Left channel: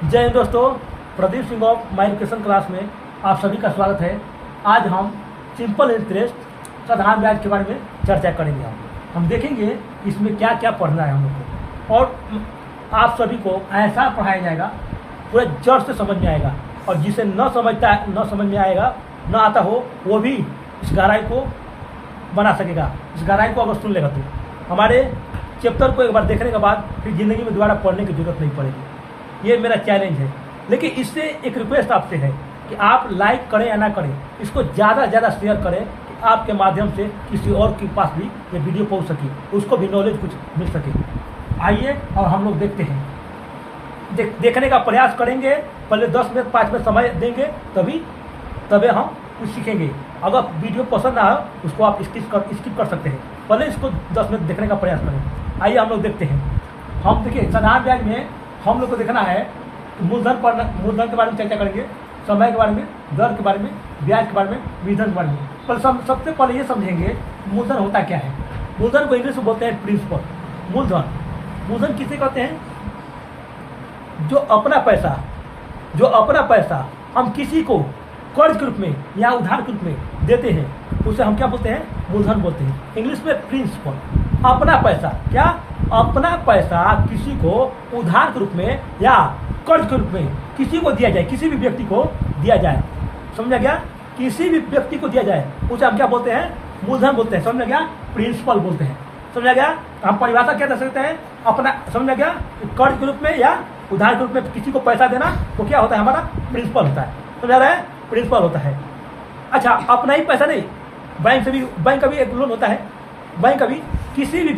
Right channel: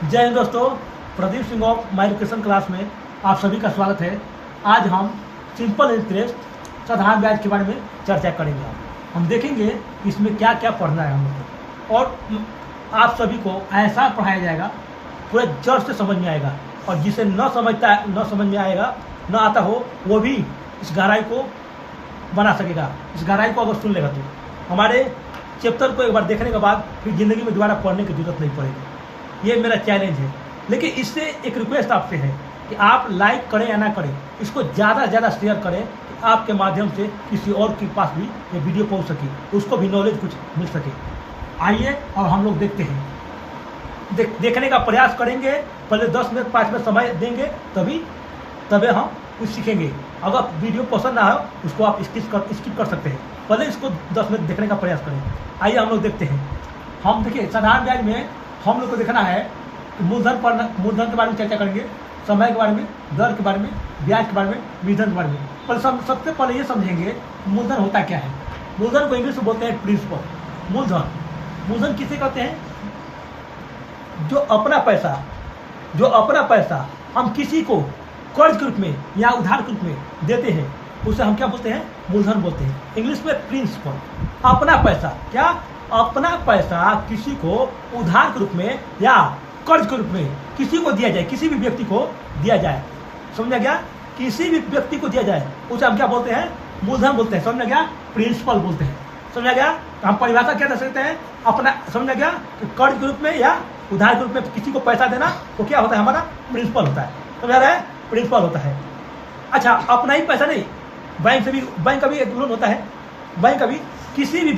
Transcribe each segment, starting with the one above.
जय हिंद दोस्तों, Pradeep Singh of my education class में आप सभी का स्वागत है। आज हम सिंपल इंटरेस्ट साधारण ब्याज के बारे में चर्चा करेंगे। हम देखेंगे इसमें क्या क्या पढ़ना है हम लोग को, और आप सभी को ऐसा पढ़ाया जाएगा पूरे जड़ से समझ में आएगा, और जिसे न समझ में आएगा न आता हो वो भी इस गहराई को बना सकेगा। इस गहराई को अगर सुन लेगा तो हमारे चैप्टर को एक बार देखने के बाद फिर ज़िंदगी में दोबारा पढ़ने की जरूरत नहीं पड़ेगी। ये मेरा चैलेंज है। लेकिन इससे एक रिक्वेस्ट आपसे है कि आप लाइक करें या ना करें, इसको ज़्यादा से ज़्यादा शेयर करें कि आपके माध्यम से किसी और के पास भी ये वीडियो पहुंच सके, उसको भी नॉलेज कुछ मिल सके। आइए और हम लोग देखते हैं, देखने का प्रयास करेंगे। पहले 10 मिनट 5 मिनट समय देंगे, तभी हम कुछ सीखेंगे। अगर वीडियो पसंद ना हो उसको आप स्किप कर सकते हैं। पहले इसको 10 मिनट देखने का प्रयास करें। आइए हम लोग देखते हैं। हम देखिए साधारण ब्याज में हम लोग को देखना है मूलधन के बारे में चर्चा करेंगे, समय के बारे में, दर के बारे में, ब्याज के बारे में, विधन के बारे में। पर सबसे पहले ये समझेंगे मूलधन होता क्या है। मूलधन को इंग्लिश में बोलते हैं प्रिंसिपल। मूलधन किसे कहते हैं? जो अपना पैसा हम किसी को कर्ज के रूप में या उधार के रूप में देते हैं, उसे हम क्या बोलते हैं? मूलधन बोलते हैं। इंग्लिश में प्रिंसिपल। अपना पैसा, क्या? अपना पैसा किसी को उधार के रूप में या कर्ज के रूप में किसी को दिया जाए, किसी भी व्यक्ति को दिया जाए, समझा गया? किसी भी व्यक्ति को दिया जाए उसे हम क्या बोलते हैं? मूलधन बोलते हैं। समझा गया? प्रिंसिपल बोलते हैं। समझा गया? हम परिभाषा क्या दे सकते हैं अपना? समझा गया? कर्ज के रूप में या उधार के रूप में किसी को पैसा देना तो क्या होता है? हमारा प्रिंसिपल होता है। समझा रहा है? प्रिंसिपल होता है। अच्छा, अपना ही पैसा नहीं, बैंक का भी एक लोन होता है। बैंक का भी किसी भी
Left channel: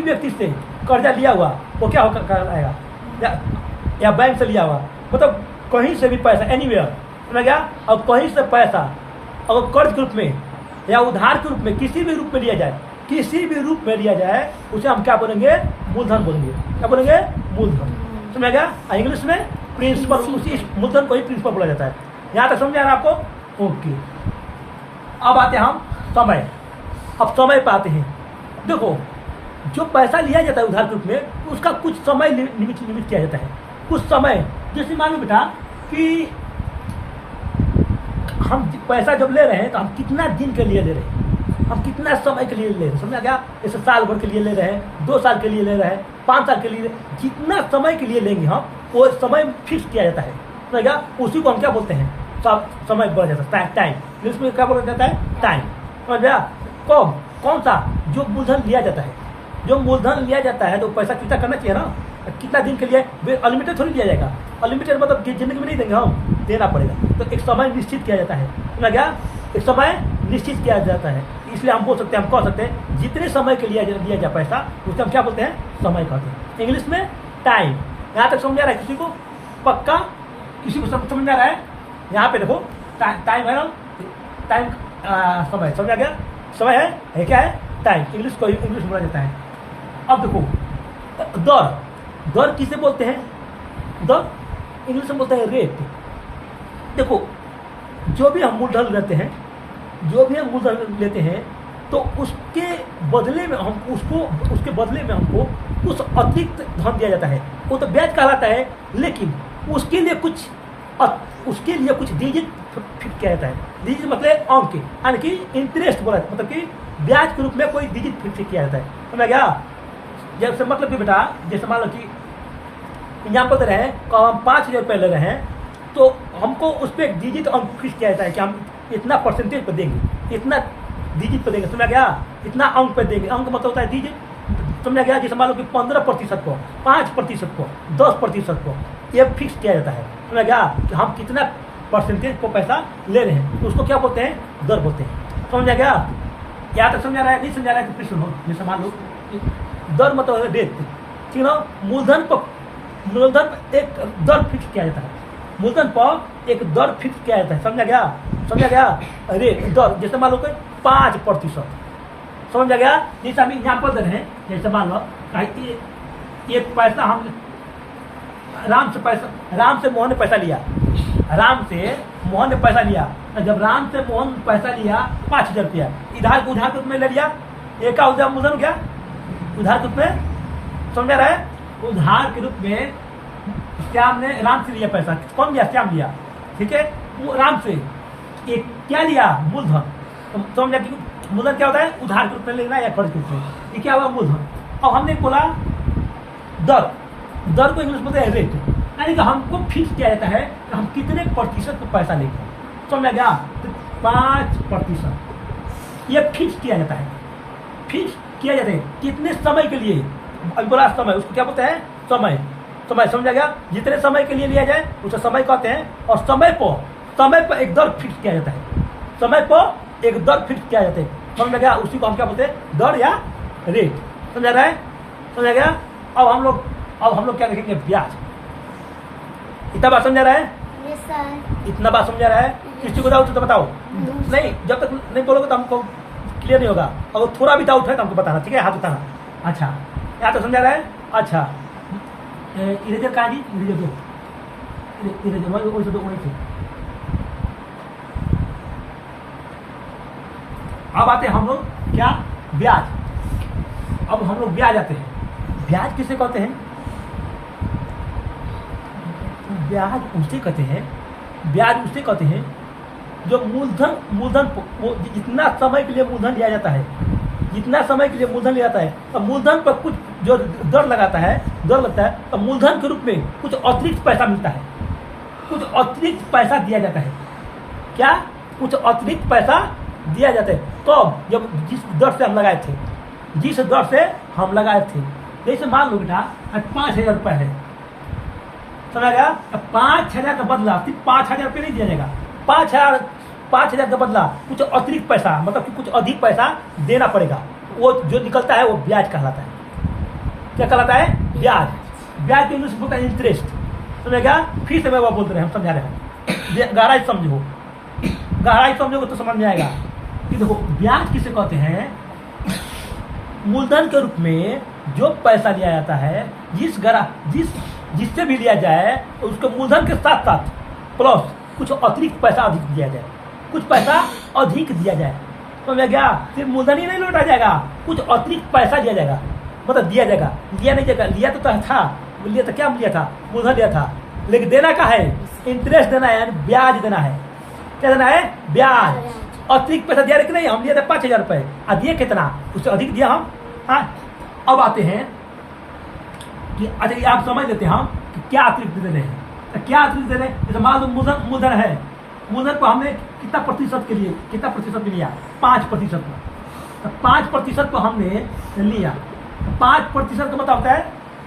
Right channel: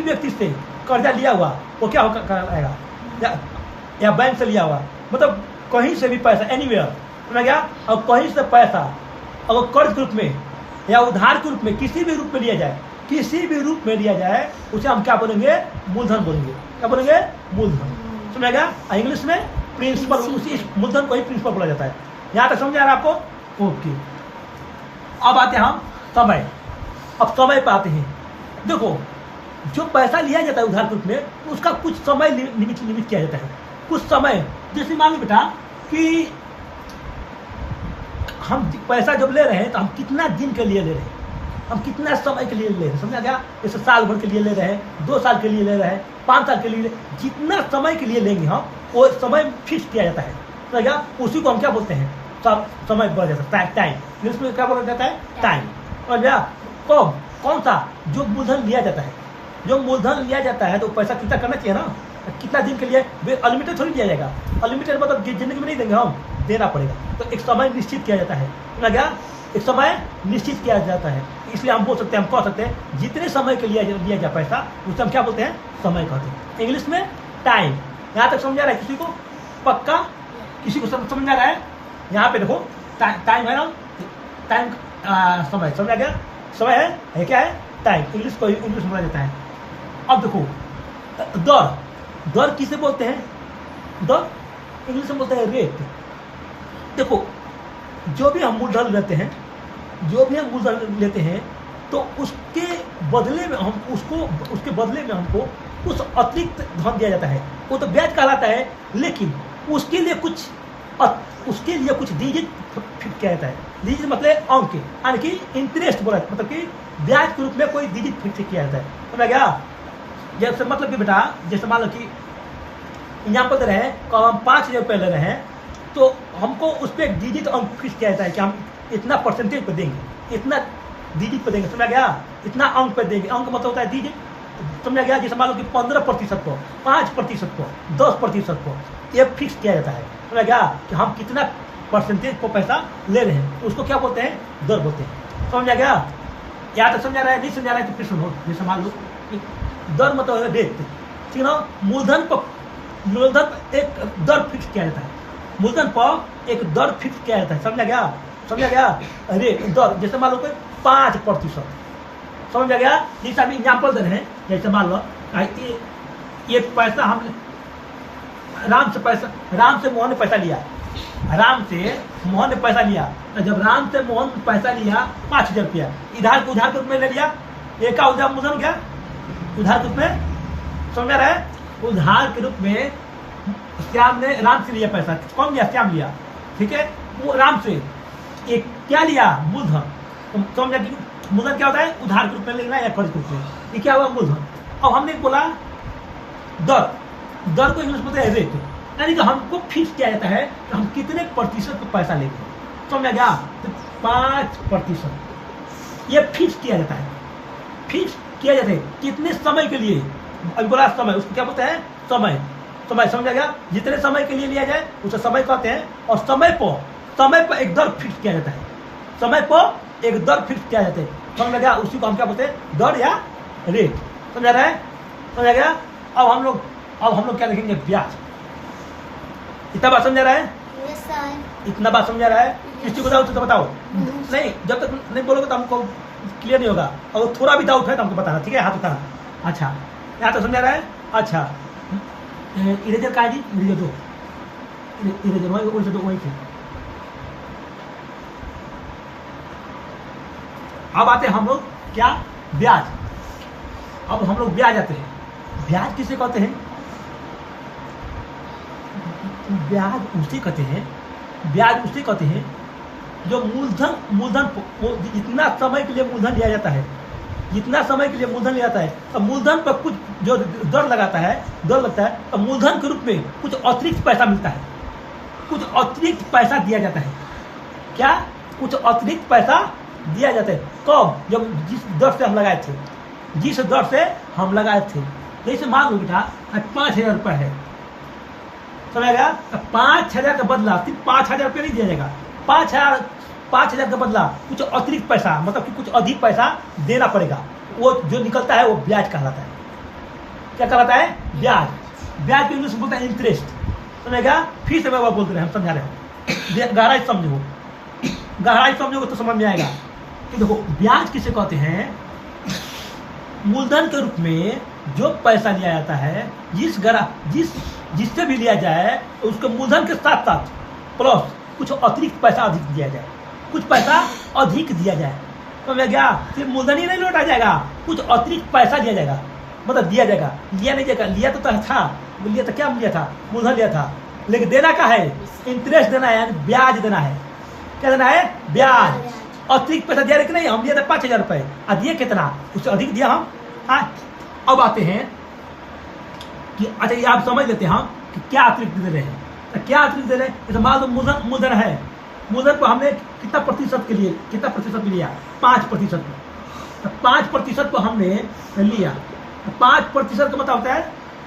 व्यक्ति से कर्जा लिया हुआ वो क्या कराएगा? या बैंक से लिया हुआ, मतलब कहीं से भी पैसा, एनीवेयर, समझ गया? और कहीं से पैसा अगर कर्ज के रूप में या उधार के रूप में किसी भी रूप में लिया जाए, उसे हम क्या बोलेंगे? मूलधन बोलेंगे। क्या बोलेंगे? मूलधन। समझ गया? इंग्लिश में प्रिंसिपल, उसी मूलधन को ही प्रिंसिपल बोला जाता है। यहाँ तक समझ आ रहा है आपको? ओके। अब आते हैं हम समय। अब समय पे आते हैं। देखो, जो पैसा लिया जाता है उधार के रूप में, उसका कुछ समय निमित किया जाता है। कुछ समय, जैसे मान लो बेटा कि हम पैसा जब ले रहे हैं तो हम कितना दिन के लिए ले रहे हैं, हम कितना समय के लिए ले रहे हैं। समझा गया? जैसे साल भर के लिए ले रहे हैं, 2 साल के लिए ले रहे हैं, 5 साल के लिए, जितना समय के लिए लेंगे हम वो समय फिक्स किया जाता है। समझ गया? उसी को हम क्या बोलते हैं? समय बढ़ जाता है, टाइम। इसमें क्या बोला जाता है? टाइम। समझ गया? कौन सा? जो मूलधन लिया जाता है। जो मूलधन लिया जाता है तो पैसा कितना करना चाहिए ना, कितना दिन के लिए? अनलिमिटेड थोड़ी दिया जाएगा। अनलिमिटेड मतलब जिंदगी में नहीं देंगे, हम देना पड़ेगा। तो एक समय निश्चित किया जाता है। समझ गया? एक समय निश्चित किया जाता है। इसलिए हम बोल सकते हैं, हम कह सकते हैं जितने समय के लिए दिया गया पैसा उसे हम क्या बोलते हैं? समय कहते हैं। इंग्लिश में टाइम। यहाँ तक समझ आ रहा है किसी को? पक्का किसी को समझ आ रहा है? यहाँ पे देखो टाइम है ना, टाइम समय। समझ आ गया? समय है क्या है? टाइम। इंग्लिश को इंग्लिश में बोला जाता है। अब देखो, दर किसे बोलते हैं? दर इंग्लिश में बोलते हैं रेट। देखो, जो भी हम मूलधन लेते हैं तो उसके बदले में हमको कुछ अतिरिक्त धन दिया जाता है। वो तो ब्याज कहलाता है, लेकिन उसके लिए कुछ डिजिट फिक्स किया जाता है। डिजिट मतलब अंक, यानी कि इंटरेस्ट बोला, मतलब कि ब्याज के रूप में कोई डिजिट फिक्स किया जाता है। समझ गया? जैसे मतलब कि बेटा, जैसे मान लो कि एग्जाम्पल दे रहे हैं, हम 5,000 रुपये ले रहे हैं तो हमको उस पर डिजिट अंक फिक्स किया जाता है कि हम इतना परसेंटेज पर देंगे, इतना डिजिट पर देंगे। समझ गया? इतना अंक पर देंगे। अंक मतलब होता है डिजिट। समझ गया? जैसे मान लो कि 15% को, 5% को, 10% को, ये फिक्स किया जाता है। समझ गया? कि हम कितना परसेंटेज को पैसा ले रहे हैं, तो उसको क्या बोलते हैं? दर बोलते हैं। समझ गया? या तो समझा रहा है, नहीं समझा रहा है तो फिर सुनो। जैसे मान लो दर मतलब है रेट, ठीक है? मूलधन एक दर फिक्स किया जाता है। मूलधन पर एक दर फिक्स किया जाता है। समझा गया? रेट, दर। जैसे मान लो कि 5%। समझ गया? जैसे हम एग्जाम्पल दे रहे हैं, जैसे मान लो ये पैसा हम राम से मोहन ने पैसा लिया। तो जब राम से मोहन पैसा लिया 5,000 रुपया, उधार के रूप में ले लिया। एक का उधार मूलधन क्या? उधार के रूप में। समझ रहा है? उधार के रूप में श्याम ने राम से लिया पैसा, कौन लिया? श्याम लिया, ठीक है, वो राम से एक क्या लिया? मूलधन। तो समझा कि मूलधन क्या होता है? उधार के रूप में लेना या कर्ज के रूप में। ये क्या हुआ? मूलधन। अब हमने बोला दर, दर को इंग्लिश में बोलते हैं रेट, यानी कि हमको फिक्स किया जाता है कि हम कितने प्रतिशत का पैसा लेंगे, समझ गया? तो 5% ये फिक्स किया जाता है, फिक्स किया जाता है कितने समय के लिए? अभी बोला समय, उसको क्या बोलते हैं? समय। समय, समझा गया? जितने समय के लिए लिया जाए उसे समय कहते हैं। और समय पर एक दर फिक्स किया जाता है, समय पर एक दर फिक्स किया जाता है, समझ गया? उसी को हम क्या बोलते हैं? दर या रेट। समझा रहा है? समझा गया? अब हम लोग क्या देखेंगे? ब्याज। इतना बात समझा रहा है? इतना बात समझा रहा है? किसी को डाउट तो बताओ। नहीं, जब तक नहीं बोलोगे तो हमको क्लियर नहीं होगा। और थोड़ा भी डाउट है तो हमको बताना, ठीक है? हाथ उठाना। अच्छा, यहाँ तो समझा रहा है? अच्छा, इरेजर का जी, इरेजर दो, इरेजर वही दो, वही थे। अब आते हैं हम लोग क्या? ब्याज। अब हम लोग ब्याज आते हैं। ब्याज किसे कहते हैं? ब्याज उसे कहते हैं, ब्याज उसे कहते हैं जो मूलधन वो जितना समय के लिए मूलधन लिया जाता है, जितना समय के लिए मूलधन लिया जाता है, तो मूलधन पर कुछ जो दर लगता है, तो मूलधन के रूप में कुछ अतिरिक्त पैसा मिलता है, कुछ अतिरिक्त पैसा दिया जाता है। क्या? कुछ अतिरिक्त पैसा दिया जाता है। कब? जब जिस दर से हम लगाए थे, जिस दर से हम लगाए थे। जैसे मान लो बेटा 5,000 रुपये है, समझा गया? 5,000 का बदला सिर्फ 5,000 रुपये नहीं दिया जाएगा, 5,000 का बदला कुछ अतिरिक्त पैसा, मतलब कि कुछ अधिक पैसा देना पड़ेगा। वो जो निकलता है वो ब्याज कहलाता है। क्या कहलाता है? ब्याज। ब्याज के इंग्लिश में बोलता है इंटरेस्ट, समझेगा? फिर से मैं वो बोलते रहे, हम समझा रहे हैं, गहराई समझो, गहराई समझोगे तो समझ में आएगा कि देखो ब्याज किसे कहते हैं? मूलधन के रूप में जो पैसा लिया जाता है, जिससे भी लिया जाए उसके मूलधन के साथ साथ प्लस कुछ अतिरिक्त पैसा अधिक दिया जाए, कुछ पैसा अधिक दिया जाए, तो मैं गया सिर्फ मूलधन ही नहीं लौटा जाएगा, कुछ अतिरिक्त पैसा दिया जाएगा, मतलब दिया जाएगा, लिया नहीं जाएगा। लिया तो था, लिया तो क्या लिया था? मूलधन लिया था, लेकिन देना क्या है? इंटरेस्ट देना है, यानी ब्याज देना है। क्या देना है? ब्याज। अतिरिक्त पैसा दिया कि नहीं? हम दिया था 5,000 रुपये, और दिए कितना? उससे अधिक दिया हम। हाँ, अब आते हैं कि अच्छा ये आप समझ लेते हैं हम कि क्या अतिरिक्त दे रहे हैं। तो क्या अतिरिक्त दे रहे हैं? जैसे मान लो मूलधन है, मूलधन को हमने कितना प्रतिशत के लिए लिया? 5%। तो 5% को हमने लिया, तो 5% का मतलब होता है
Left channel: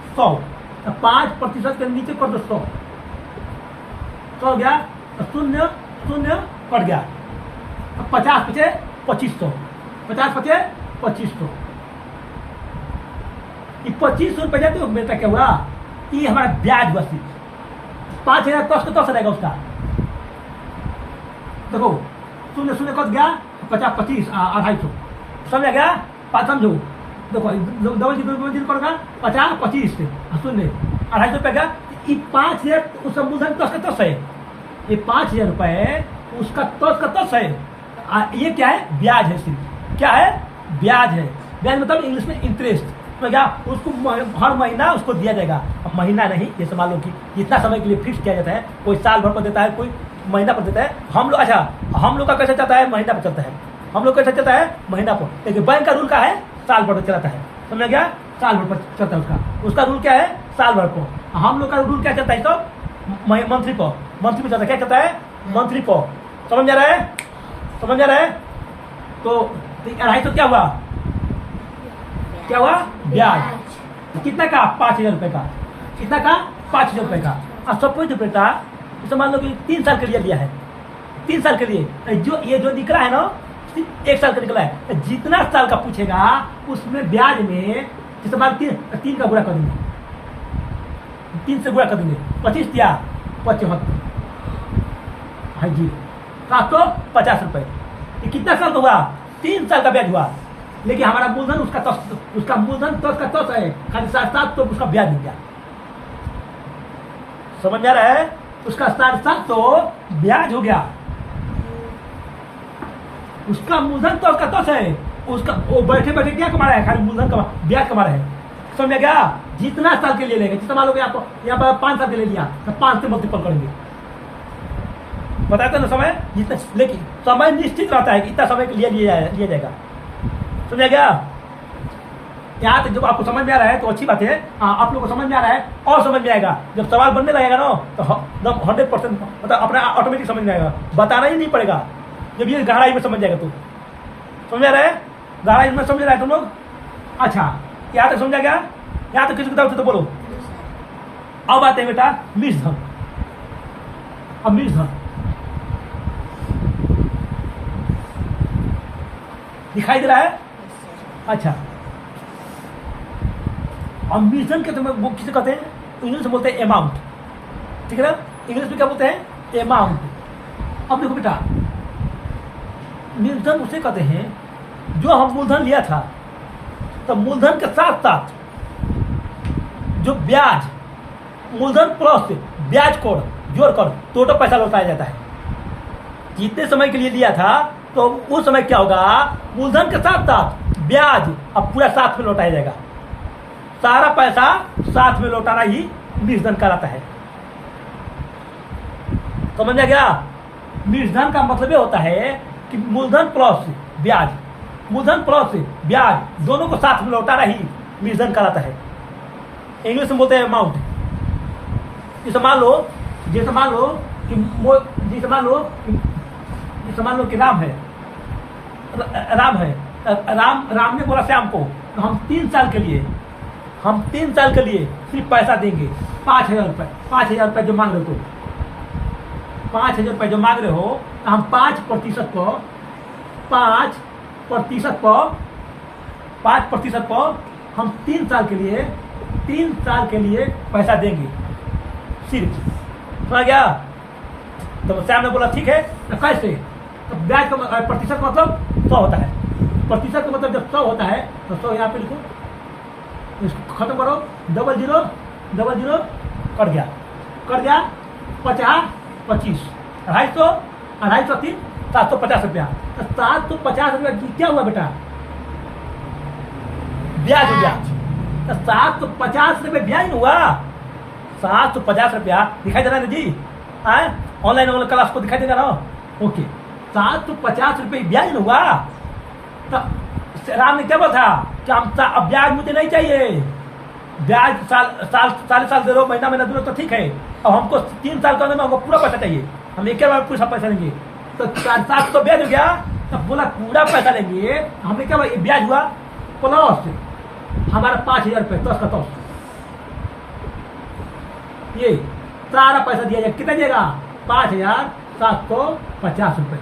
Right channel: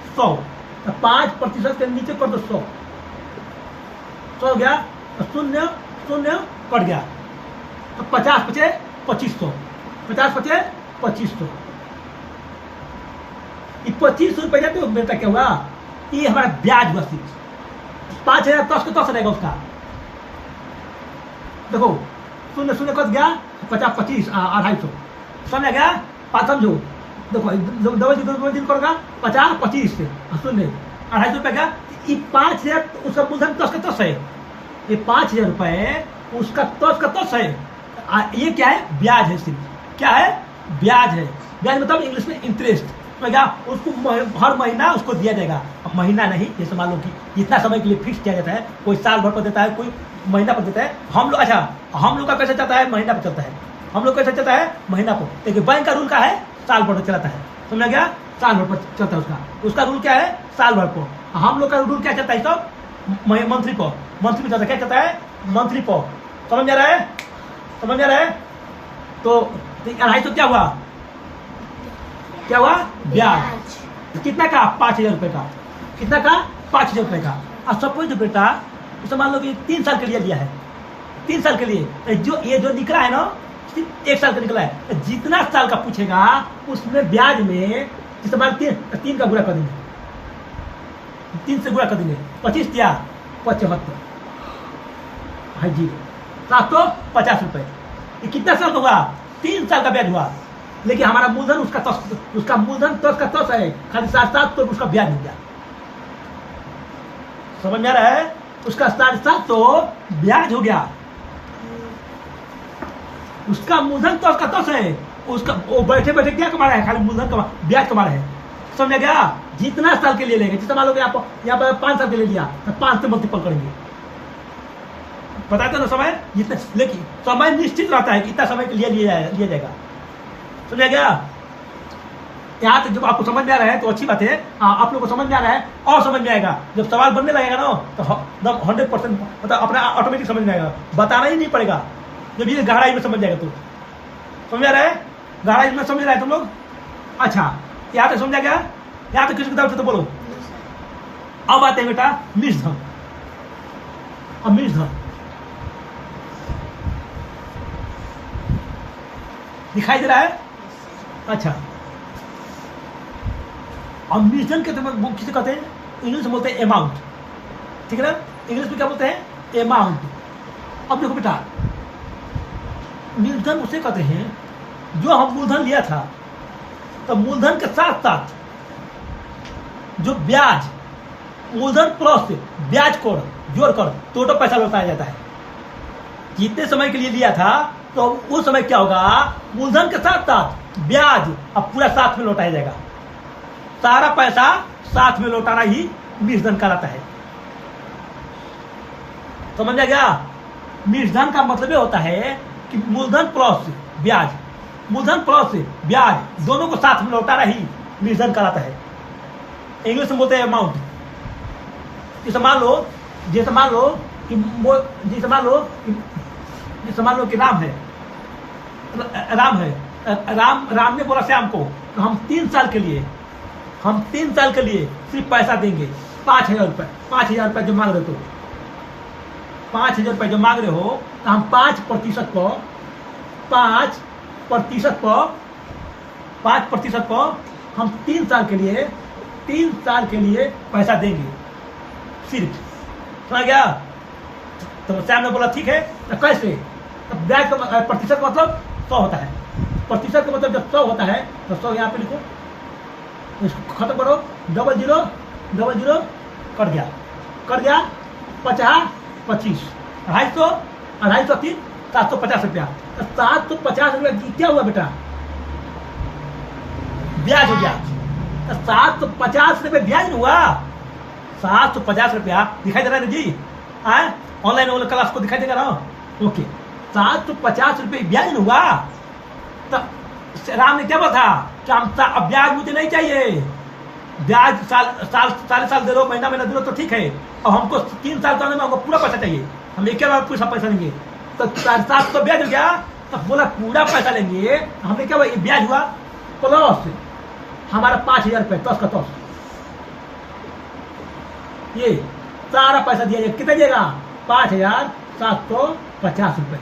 100। तो 5% के नीचे कर दो 100, हो गया, तो शून्य कट गया, तो 50 बचे 2500, 50 बचे 2500। 2500 रुपये जाते हो बेटा, क्या हुआ? ये हमारा ब्याज हुआ। 5,000 10 रहेगा उसका, देखो शून्य कट गया, 50 25 250, समझ गया? समझो, देखो डबल दिन करेगा 50 25 से शून्य 250 रुपये का। ये 5,000 उसका मूलधन 10 है, ये 5,000 रुपये उसका 10 है। ये क्या है? ब्याज है। सिर्फ क्या है? ब्याज है। ब्याज मतलब इंग्लिश में इंटरेस्ट, क्या? उसको हर महीना उसको दिया जाएगा। अब महीना नहीं, जैसे मान लो कि जितना समय के लिए फिक्स किया जाता है, कोई साल भर पर देता है, कोई महीना पर देता है। हम लोग हम लोग का कैसे चलता है? महीना पर चलता है। हम लोग कैसे चलता है? महीना पर। लेकिन बैंक का रूल क्या है? साल भर पर चलाता है, समझ गया? साल भर पर चलता है उसका रूल क्या है? साल भर पर। हम लोग का रूल क्या चलता है? सब मंथली पर चलता है। क्या चलता है? मंथली पर। समझ जा रहा है? तो 250 क्या हुआ? ब्याज। कितना का? 5,000 रुपये का। कितना का? 5,000 रुपये का। अब सपोज बेटा इसे मान लो कि 3 साल के लिए लिया है, 3 साल के लिए, जो निकला है ना, सिर्फ 1 साल का निकला है। जितना साल का पूछेगा उसमें ब्याज में जैसे मान 3 का गुणा कर देंगे, 3 से गुणा कर देंगे, 25 दिया 75, हाँ जी, 750 रुपये। ये कितना साल का हुआ? 3 साल का ब्याज हुआ। लेकिन हमारा मूलधन उसका मूलधन 10 है, खाली 7 तो उसका ब्याज मिल गया। समझ में आ रहा है? उसका 7 तो ब्याज हो गया। उसका मूलधन 10 है, उसका वो बैठे बैठे क्या कमा रहा है? खाली मूलधन ब्याज कमा रहा है। समझ में गया? जितना साल के लिए लेंगे, जितना मान लो कि आप यहाँ पर 5 साल के लिए लिया तो 5 से मल्टीपल करेंगे, बताते ना समय जितना, लेकिन समय निश्चित रहता है कि इतना समय के लिए लिया जाएगा। समझा गया? यहाँ तक जब आपको समझ में आ रहा है तो अच्छी बात है। आप लोग को समझ में आ रहा है और समझ में आएगा जब सवाल बनने लगेगा ना, तो 100% मतलब अपना ऑटोमेटिक समझ में आएगा, बताना ही नहीं पड़ेगा जब ये गहराई में समझ जाएगा। तो समझ आ रहा है? गहराई में समझ रहा है तुम लोग? अच्छा, यहाँ तक समझा गया? यहाँ तक किसी को तो बोलो। अब आते हैं बेटा मिश्रधन। अब मिश्रधन दिखाई दे रहा है? अच्छा, अब मिश्रधन के वो किसे कहते हैं? इंग्लिश में बोलते हैं अमाउंट, ठीक है ना? इंग्लिश में क्या बोलते हैं? अमाउंट। अब देखो बेटा, मिश्रधन उसे कहते हैं जो हम मूलधन लिया था, तो मूलधन के साथ साथ जो ब्याज, मूलधन प्लस ब्याज को जोड़कर टोटल पैसा लौटाया जाता है। जितने समय के लिए लिया था तो उस समय क्या होगा, मूलधन के साथ साथ ब्याज अब पूरा साथ में लौटाया जाएगा। सारा पैसा साथ में लौटाना ही मिश्रधन कहलाता है। समझ आ गया? मिश्रधन का मतलब ये होता है कि मूलधन प्लस ब्याज, मूलधन प्लस ब्याज दोनों को साथ में लौटाना ही मिश्रधन कहलाता है। इंग्लिश में बोलते हैं अमाउंट। जैसे मान लो कि राम ने बोला श्याम को तो हम 3 साल के लिए सिर्फ पैसा देंगे 5,000 रुपये। 5,000 रुपये जो मांग रहे हो, तो 5,000 रुपये जो मांग रहे हो तो हम 5% पर हम 3 साल के लिए पैसा देंगे सिर्फ। समझ गया? तो श्याम ने बोला ठीक है, तो कैसे? तो ब्याज का प्रतिशत मतलब 100 होता है। प्रतिशत का मतलब जब 100 होता है तो 100 यहाँ पे लिखो, इसको खत्म करो, 00 कट गया 50 25 250 3 750 रुपया। तो 750 रुपया क्या हुआ बेटा? ब्याज हो गया। तो 750 रुपये ब्याज हुआ। 750 रुपया दिखाई दे रहा है ना जी? ऑनलाइन वाला क्लास को दिखाई देगा ना? ओके, 750 रुपये ब्याज हुआ। तो राम ने क्या बोला था कि अब ब्याज मुझे नहीं चाहिए, ब्याज साल दे दो, महीना दे दो तो ठीक है, और हमको 3 साल करने में हमको पूरा पैसा चाहिए, हम एक बार पूरा पैसा लेंगे। तो 750 तो ब्याज हो गया। तो बोला पूरा पैसा लेंगे, हमने क्या बोला? ब्याज हुआ प्लस हमारा 5,000 रुपये 10 का 10, ये सारा पैसा दिया जाएगा। कितना दिएगा? 5,750 रुपये।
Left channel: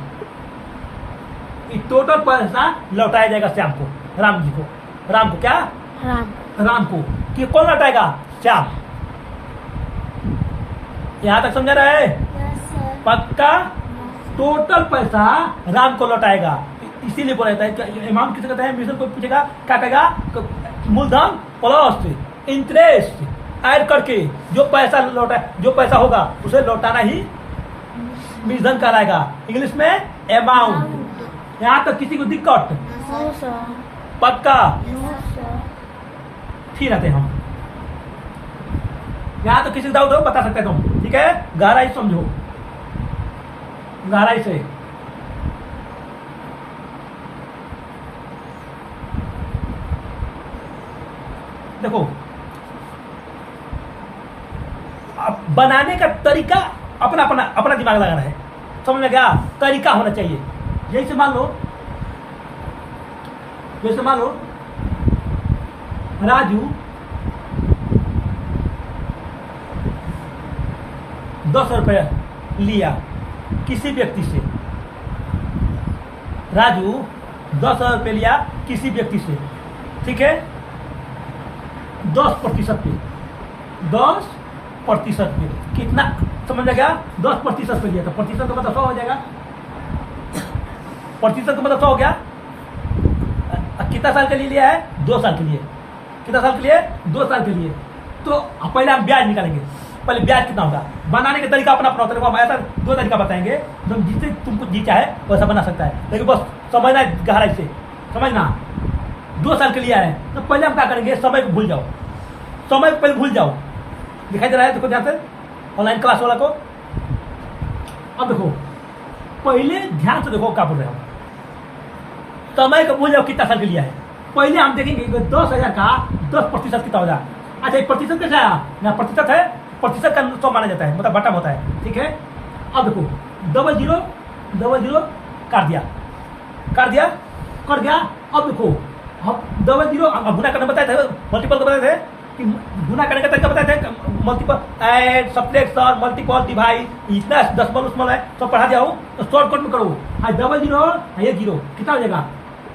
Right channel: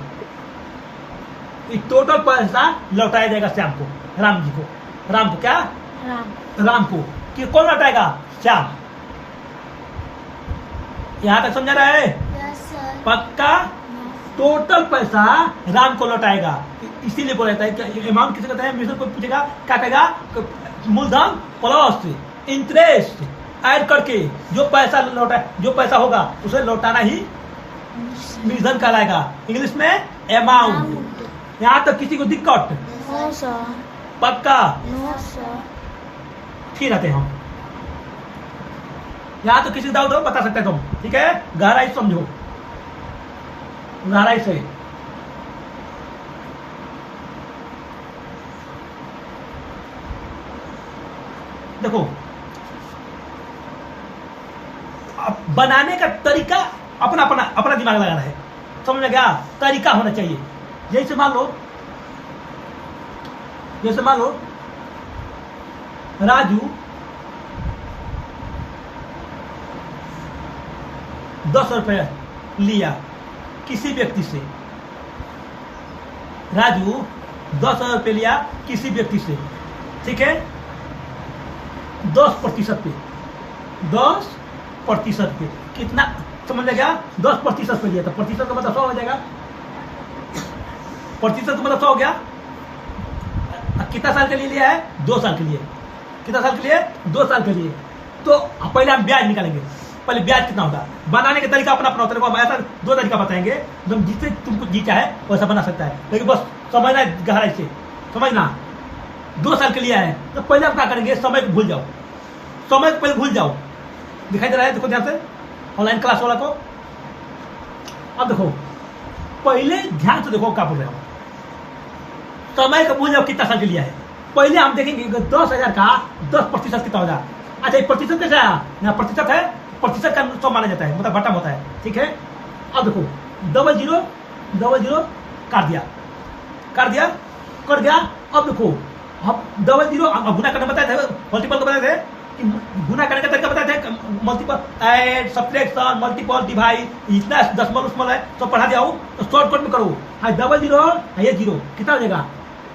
टोटल पैसा लौटाया जाएगा श्याम को, राम जी को। राम को क्या? राम को। कि कौन लौटाएगा? श्याम। यहां तक समझा रहा है? पक्का? टोटल पैसा राम को लौटाएगा। इसीलिए बोला जाता है कि अमाउंट किसे कहते हैं? मिश्रधन को पूछेगा क्या कहेगा? मूलधन प्लस इंटरेस्ट ऐड करके जो पैसा होगा उसे लौटाना ही मिश्रधन कहलाएगा। इंग्लिश में अमाउंट। यहाँ तक किसी को दिक्कत? No sir. पक्का? No sir. फिर आते हम यहाँ तो किसी डाउट हो बता सकते तुम, ठीक है? गहराई समझो, गहराई से। देखो, अब बनाने का तरीका अपना दिमाग लगाना है। समझ में गया? तरीका होना चाहिए। जैसे मान लो राजू 10 रुपये लिया किसी व्यक्ति से। राजू 10 रुपये लिया किसी व्यक्ति से, ठीक है? 10% पे 10% पे कितना? समझ में गया? 10% पे लिया तो प्रतिशत का मतलब 100 हो जाएगा। प्रतिशत का मतलब 100 हो गया। कितना साल के लिए लिया है? 2 साल के लिए। कितना साल के लिए? 2 साल के लिए। तो पहले हम ब्याज निकालेंगे। पहले ब्याज कितना होगा? बनाने का तरीका अपना होता है। हम ऐसा 2 तरीका बताएंगे, जिससे तुमको जी चाहे वैसा बना सकता है, लेकिन बस समझना गहराई से समझना। 2 साल के लिए है तो पहले हम क्या करेंगे? समय को भूल जाओ। समय को पहले भूल जाओ। दिखाई दे रहा है, देखो ध्यान से ऑनलाइन क्लास वाला को। अब देखो पहले ध्यान से देखो क्या बोल रहे हो। समय को भूल जाओ कितना साल के लिया है। पहले हम देखेंगे 10,000 का 10% कितना हो जाए। अच्छा एक प्रतिशत कैसे आया, यहाँ प्रतिशत है, प्रतिशत का 100 माना जाता है, मतलब बटम होता है, ठीक है। अब देखो 00 काट दिया, कट गया। अब देखो हम 00 अब गुना करना बताए थे, मल्टीपल का बताए थे कि गुना करने का तरीका बताए थे, multiple add subtraction multiple divide, इतना दशमलव उस्मल है तो पढ़ा जाओ तो शॉर्टकट में करो। हाँ 00 ये 0 कितना हो जाएगा,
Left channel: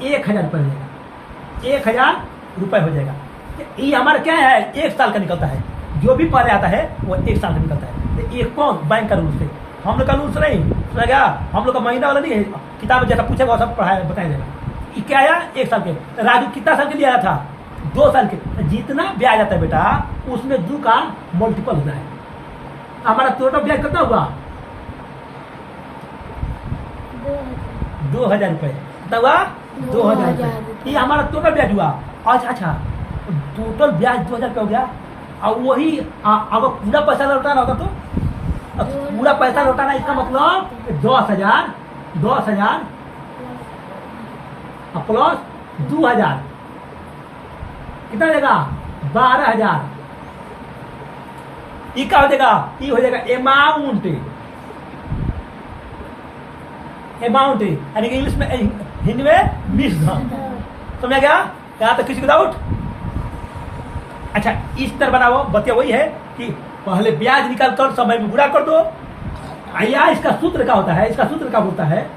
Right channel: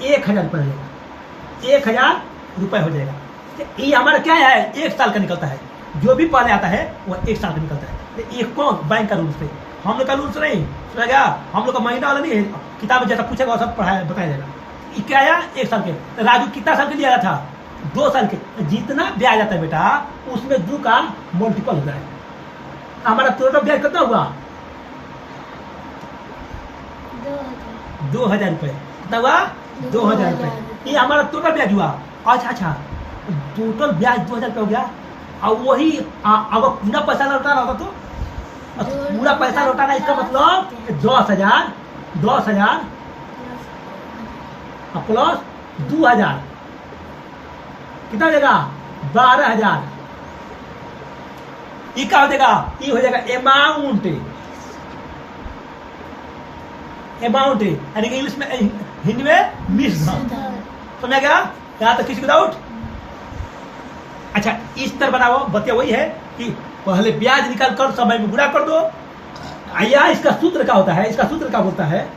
1,000 रुपये हो जाएगा, 1,000 रुपये हो जाएगा। ये हमारा क्या है, 1 साल का निकलता है, जो भी पहले आता है वो 1 साल का निकलता है। ये कौन, बैंक का रूल से, हम लोग का रूल से नहीं सुना गया, हम लोग का महीना वाला नहीं है, किताब में जैसा पूछेगा सब पढ़ाया बताया जाएगा। ये क्या आया 1 साल के। राजू कितना साल के लिए आया था, 2 साल के। जितना ब्याज आता है बेटा उसमें 2 का मल्टीपल होता है। हमारा टोटल ब्याज कितना हुआ, 2,000 रुपये। कितना हुआ, 2,000 रुपये। ये हमारा टोटल ब्याज हुआ। अच्छा टोटल ब्याज 2,000 रुपये हो गया। और वही अगर पूरा पैसा लौटाना होता तो पूरा पैसा लौटाना, इसका मतलब 10,000 प्लस 2,000 कितना हो जाएगा, 12,000। ये क्या हो जाएगा, ये हो जाएगा अमाउंट, यानी कि इंग्लिश में, हिंदी में मिस धन। समझ गया, यहाँ तक किसी को डाउट। अच्छा इस तरह बनाओ, बतिया वही है कि पहले ब्याज निकाल कर समय में गुणा कर दो। या इसका सूत्र क्या होता है, इसका सूत्र क्या बोलता है,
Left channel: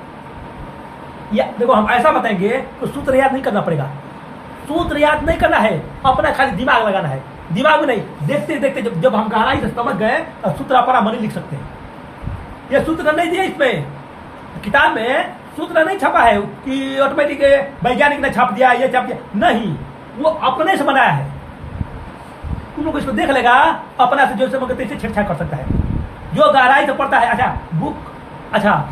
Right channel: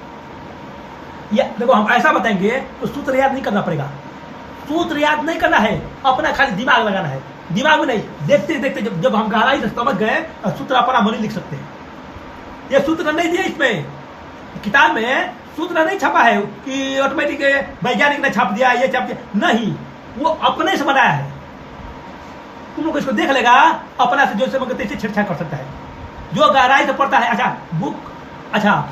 या देखो हम ऐसा बताएंगे तो सूत्र याद नहीं करना पड़ेगा, सूत्र याद नहीं करना है, अपना खाली दिमाग लगाना है। दिमाग में नहीं, देखते देखते जब हम गहराई से समझ गए तो सूत्र अपना मन लिख सकते हैं। ये सूत्र नहीं दिया इसमें, किताब में सूत्र नहीं छपा है कि ऑटोमेटिक वैज्ञानिक ने छाप दिया, ये छाप दिया, नहीं, वो अपने से बनाया है। तुम लोग इसको देख लेगा, अपना से जो से मगर तैसे छेड़छाड़ कर सकता है, जो गहराई से पढ़ता है। अच्छा बुक, अच्छा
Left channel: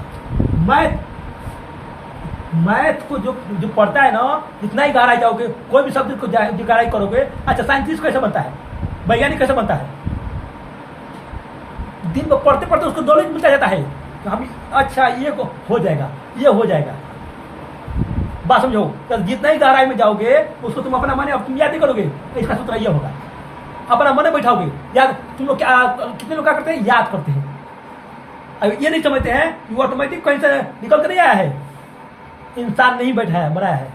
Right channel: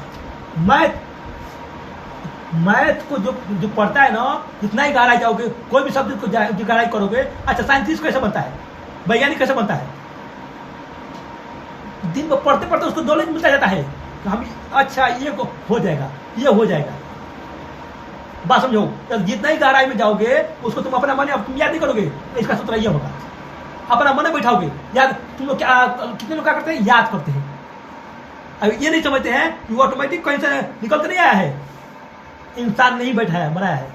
मैथ को जो पढ़ता है ना, इतना ही गहराई जाओगे, कोई भी शब्द को गहराई करोगे। अच्छा साइंटिस्ट कैसे बनता है, वैज्ञानिक कैसे बनता है, दिन में पढ़ते पढ़ते उसको नॉलेज मिलता जाता है। तो हम अच्छा ये हो जाएगा, ये हो जाएगा, बात समझो। तो जितना ही गहराई में जाओगे उसको तुम अपना मन तुम याद नहीं करोगे, तो इसका सूत्र ये होगा, अपना मन बैठाओगे याद। तुम लोग क्या, कितने लोग क्या करते हैं, याद करते हैं। अब ये नहीं समझते हैं कि वो ऑटोमेटिक कहीं से निकल कर नहीं आया है, इंसान नहीं बैठा है, बनाया है,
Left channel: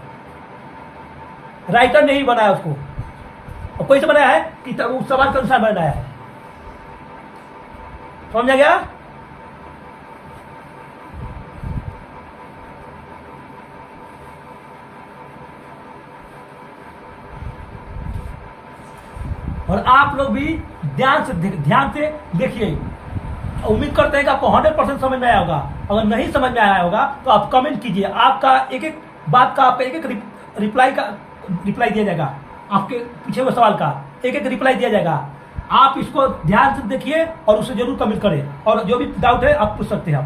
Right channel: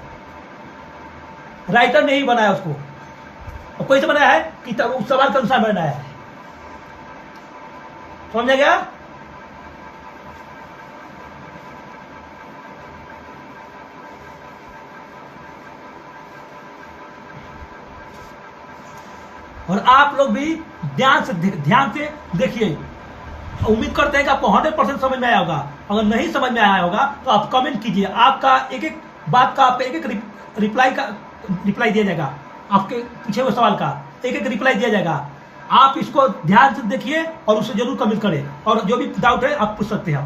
राइटर नहीं बनाया उसको। और कोई से बनाया है कि उस सवाल के अनुसार बनाया है। समझा गया। और आप लोग भी ध्यान से देखिए। उम्मीद करते हैं कि आपको 100% समझ में आया होगा। अगर नहीं समझ में आया होगा तो आप कमेंट कीजिए, आपका एक एक बात का, आपका एक एक रिप्लाई दिया जाएगा, आपके पीछे हुए सवाल का एक एक रिप्लाई दिया जाएगा। आप इसको ध्यान से देखिए और उसे जरूर कमेंट करें, और जो भी डाउट है आप पूछ सकते हैं,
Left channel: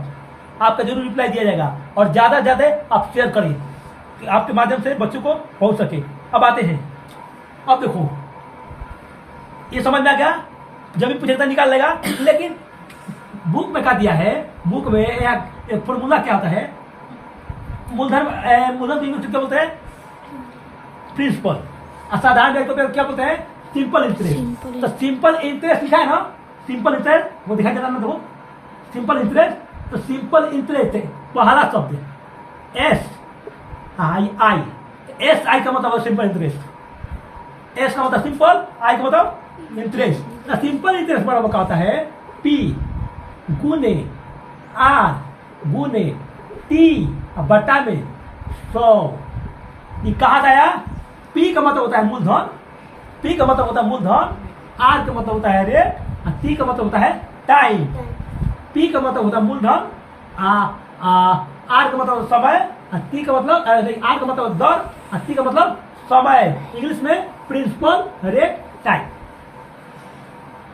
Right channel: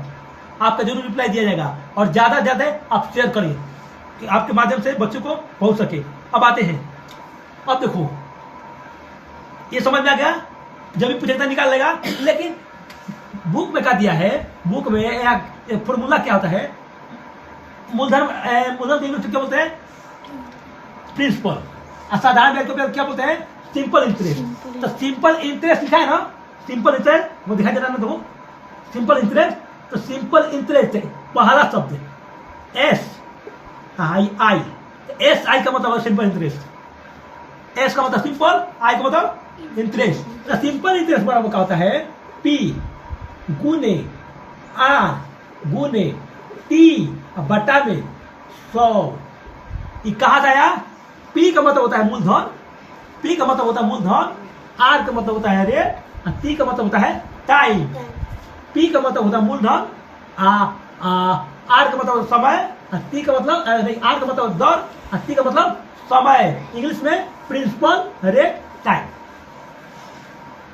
आपका जरूर रिप्लाई दिया जाएगा। और ज़्यादा से ज़्यादा आप शेयर करें कि आपके माध्यम से बच्चों को पहुँच सके। अब आते हैं, अब देखो ये समझ में आ गया, जब भी पूछेगा निकाल लेगा। लेकिन बुक में क्या दिया है, बुक में एक फॉर्मूला क्या होता है, मूलधन इंग्लिश में क्या बोलते हैं, प्रिंसिपल। असाधारण ब्याज को क्या बोलते हैं, सिंपल इंटरेस्ट। तो सिंपल इंटरेस्ट लिखा है ना, सिंपल इंटरेस्ट वो दिखाई दे रहा है ना, देखो सिंपल इंटरेस्ट। तो सिंपल इंटरेस्ट पहला शब्द SI, SI का मतलब है सिंपल इंटरेस्ट, S का मतलब सिंपल, I का मतलब इंटरेस्ट। सिंपल इंटरेस्ट बराबर का होता है P गुने R गुने T बटा में 100। ये कहा गया, P का मतलब होता है मूलधन, P का मतलब होता है मूलधन, R का मतलब होता है रेट, T का मतलब होता है टाइम। P का मतलब होता है मूलधन, R का मतलब समय, T का मतलब R का मतलब दर, T का मतलब समय। इंग्लिश में प्रिंसिपल, रेट, टाइम।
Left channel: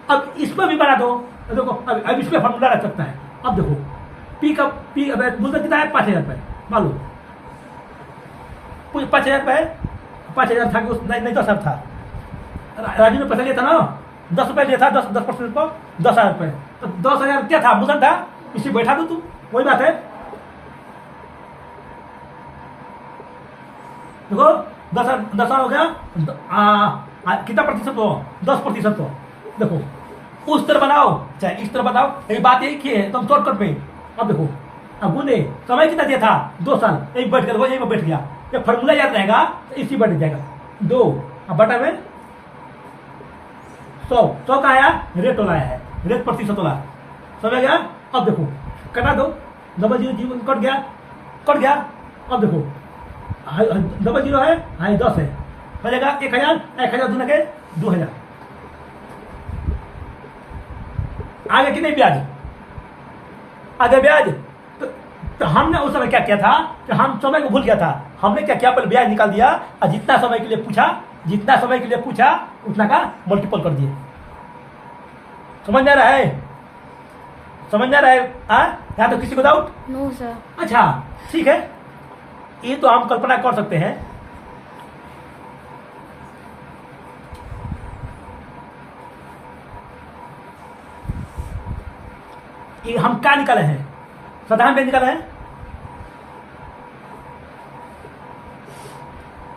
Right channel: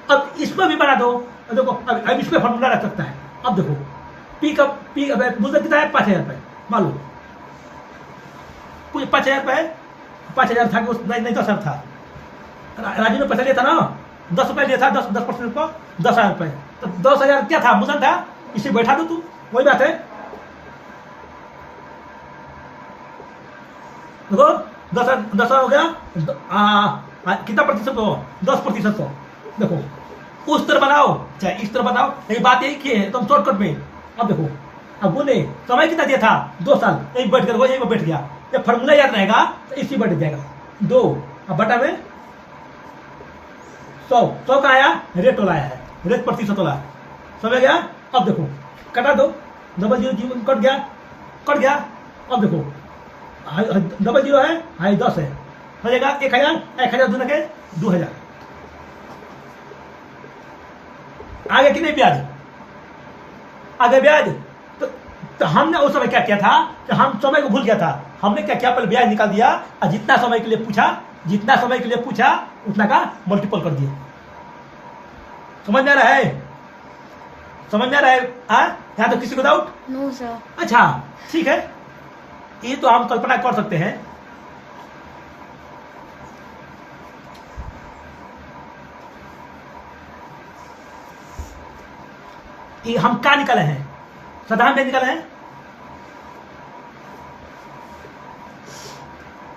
अब इसमें भी बना दो, देखो अब इसमें फॉर्मूला रख सकता है। अब देखो P मूलधन कितना है, 5,000 रुपये मान लो, 5,000 रुपये, 5,000 था कि नहीं तो सर था। राजू में पैसा लिया था ना, 10 रुपये लिया था, 10% पर 10,000 रुपये, तो 10,000 क्या था, मूलधन था, इसे बैठा दो तू, वही बात है। देखो 10 हो गया, कितना प्रतिशत हो, 10% हो। देखो उस तरह बनाओ चाहे इस तरह बनाओ, लेकिन बात यही की है, तुम शॉर्टकट में। अब देखो, अब गुने समय कितना दिया था, 2 साल, यही बैठ कर यही बैठ गया। जब फॉर्मूला याद रहेगा तो इसी बैठ जाएगा 2, अब बटा में 100 का आया, रेट वाला आया है, रेट प्रतिशत वाला समझ गया। अब देखो कटा दो, 0 कट गया। अब देखो 0 है, 10 है, हो जाएगा 1,000 दूना के 2,000। आगे कि नहीं ब्याज, आगे ब्याज। तो हमने उस समय क्या किया था कि हम समय को भूल गया था, हमने क्या किया, पहले ब्याज निकाल दिया और जितना समय के लिए पूछा उतना का मल्टीपल कर दिए। समझ में आ रहा है, यहाँ तो किसी को डाउट? No sir. अच्छा ठीक है, ये तो हम कल्पना कर सकते हैं। ये हम क्या निकाले हैं, साधारण ब्याज निकाले हैं।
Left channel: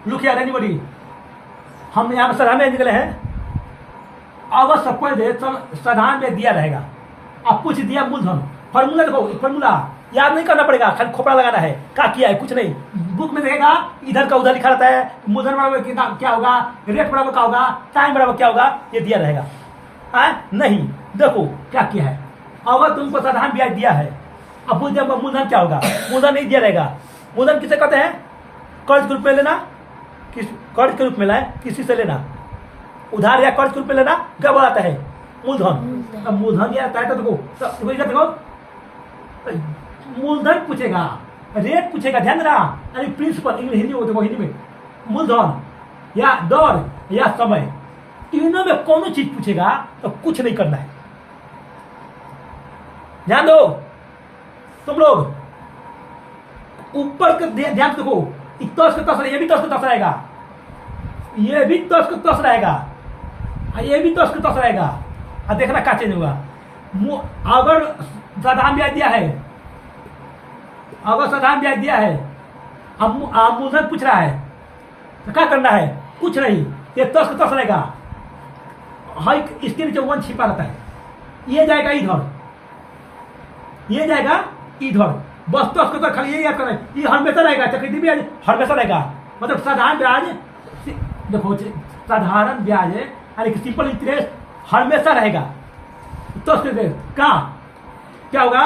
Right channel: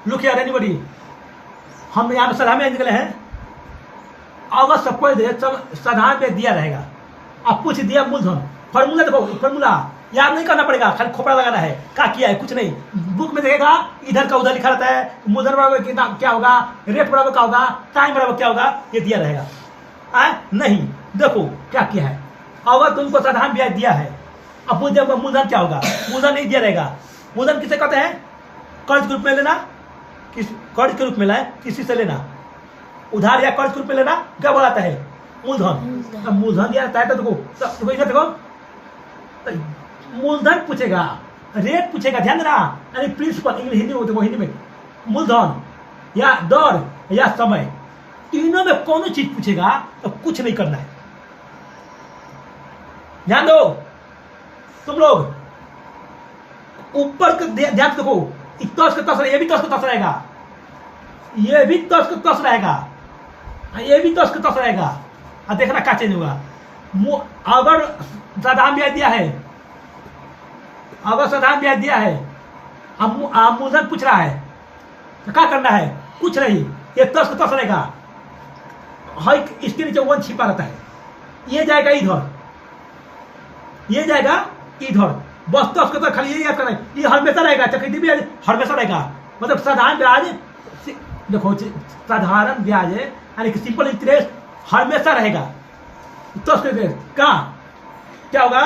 लुक हियर एनीबॉडी, हम यहाँ साधारण ब्याज निकाले हैं। अगर सबको दे साधारण ब्याज दिया रहेगा, अब पूछ दिया मूलधन, फॉर्मूला देखो, फॉर्मूला याद नहीं करना पड़ेगा, खाली खोपड़ा लगाना है, क्या किया है कुछ नहीं। बुक में देखेगा इधर का उधर लिखा रहता है, मूलधन बराबर कितना क्या होगा, रेट बराबर क्या होगा, टाइम बराबर क्या होगा, ये दिया रहेगा। नहीं, देखो क्या किया है, अगर तुमको साधारण ब्याज दिया है, अब मूलधन क्या होगा, मूलधन नहीं दिया रहेगा। मूलधन किसे कहते हैं, कर्ज के रूप में लेना, कर्ज के रूप में लाए, किसी से लेना, उधार या कर्ज के रूप में लेना, क्या बोलाता है, मूलधन। अब मूलधन दिया रहता है तो देखो मूलधन पूछेगा, रेट पूछेगा, ध्यान देना, यानी प्रिंसिपल, हिंदी में देखो, हिंदी में मूलधन या दर या समय, तीनों में कौन चीज पूछेगा तो कुछ नहीं करना है। ध्यान दो तुम लोग, ऊपर ध्यान देखो, तस का तस, ये भी तस का तस रहेगा, ये भी तस का तस रहेगा, ये भी तस का तस रहेगा। अब देखना क्या चेंज होगा। अगर साधारण ब्याज दिया है, अब मूलधन पूछ रहा है तो क्या करना है, कुछ नहीं, ये तस का तस रहेगा, इसके नीचे 1 छिपा रहता है, ये जाएगा इधर, ये जाएगा इधर, बस तस का तस, खाली यही याद करना है, ये हमेशा रहेगा, चक्रवृद्धि ब्याज हमेशा रहेगा। मतलब साधारण ब्याज, देखो साधारण ब्याज यानी कि सिंपल इंटरेस्ट हमेशा रहेगा। तो क्या होगा,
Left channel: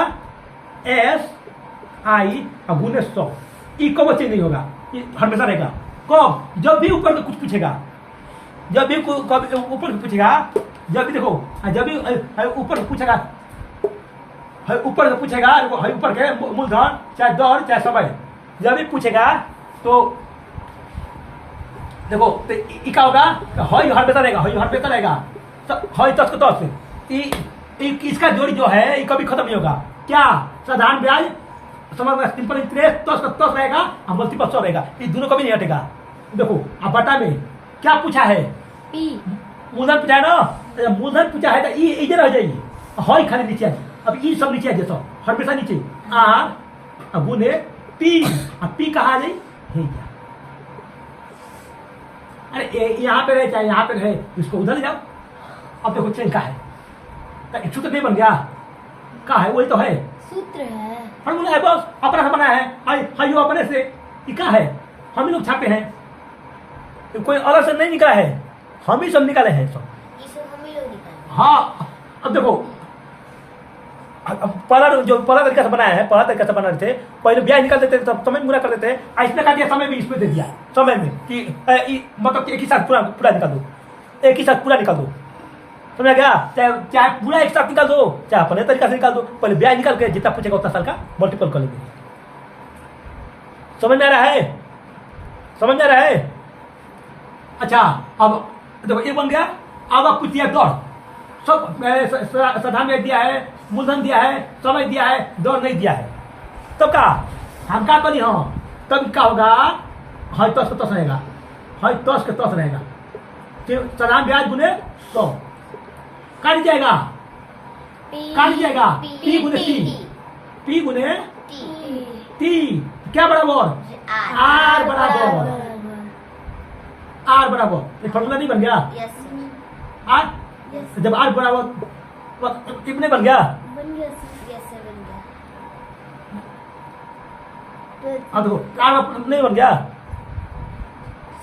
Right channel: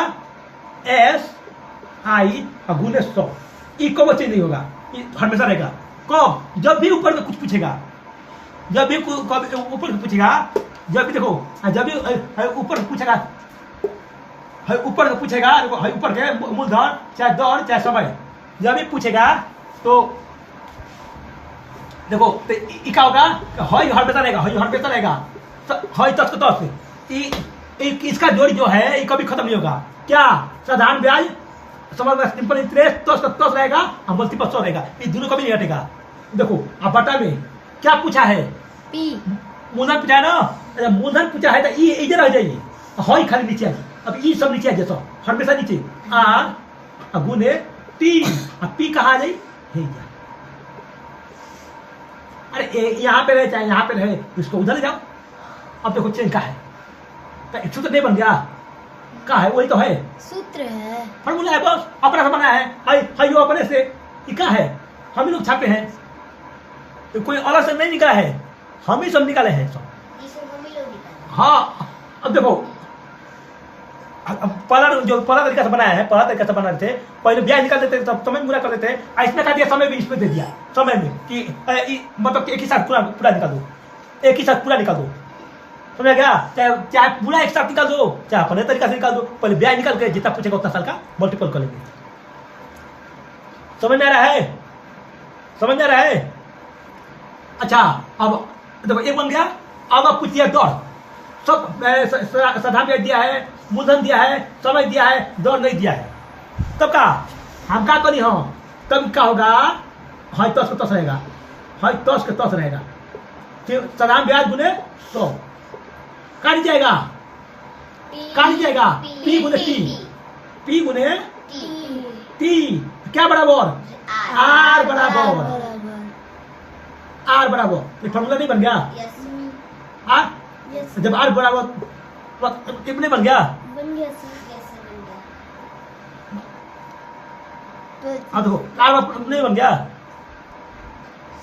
SI गुने 100, ई कब चेंज नहीं होगा, हमेशा रहेगा। कब, जब भी ऊपर कुछ पूछेगा, जब भी ऊपर पूछेगा, जब भी देखो, जब भी ऊपर पूछेगा, ऊपर के मूलधन चाहे दर चाहे समय, जब भी पूछेगा तो देखो तो क्या होगा, हमेशा रहेगा, तस को तस, इसका जोड़ी जो है ये कभी खत्म नहीं होगा। क्या, साधारण ब्याज, समझ, सिंपल इंटरेस्ट, तस का तस रहेगा और मल्टीपल 100 रहेगा, ये दोनों कभी नहीं हटेगा। देखो अब बटा में क्या पूछा है, मूलधन पूछा है ना, मूलधन पूछा है तो ये इधर आ जाइए, हई खाली नीचे आ जाए, अब ई सब नीचे आ जाए, हमेशा नीचे, आर गुने पी, अब पी कहाँ आ जाए, अरे यहाँ पे रहे चाहे यहाँ पे रहे, इसको उधर ले जाओ। अब देखो चेंज का है, सूत्र नहीं बन गया, क्या है, वही तो है, सूत्र है, फॉर्मूला है, बस अपना से बनाया है, हाई अपने से, ये क्या है, हम ही लोग छापे हैं, तो कोई अलग से नहीं निकाला है, हम ही सब निकाले हैं सब। हाँ अब देखो, पहला तरीका से बनाया है, बना रहे थे, पहले ब्याज निकाल देते थे, समय पूरा कर देते, इसमें का दिया, समय भी इसमें दे दिया, समय में कि मतलब एक ही साथ पूरा निकाल दो, एक ही साथ पूरा निकाल दो, समझ गया, चाहे पूरा एक साथ निकाल दो, चाहे अपने तरीका से निकाल दो, पहले ब्याज निकाल के जितना पूछेगा उतना साल का मल्टीपल कर लेंगे। समझ में आ रहा है, अच्छा अब देखो ये बन गया। अब आप पूछिए दर, सब साधारण ब्याज दिया है, मूलधन दिया है, समय दिया है, दर नहीं दिया है, तब का हम क्या करी, तब क्या होगा, तस का तस रहेगा, साधारण ब्याज गुने 100 काट जाएगा पी गुने पी गुने टी क्या बराबर आर बराबर ये फॉर्मूला नहीं बन गया आर जब आर बराबर कितने बन गया हाँ देखो आर नहीं बन गया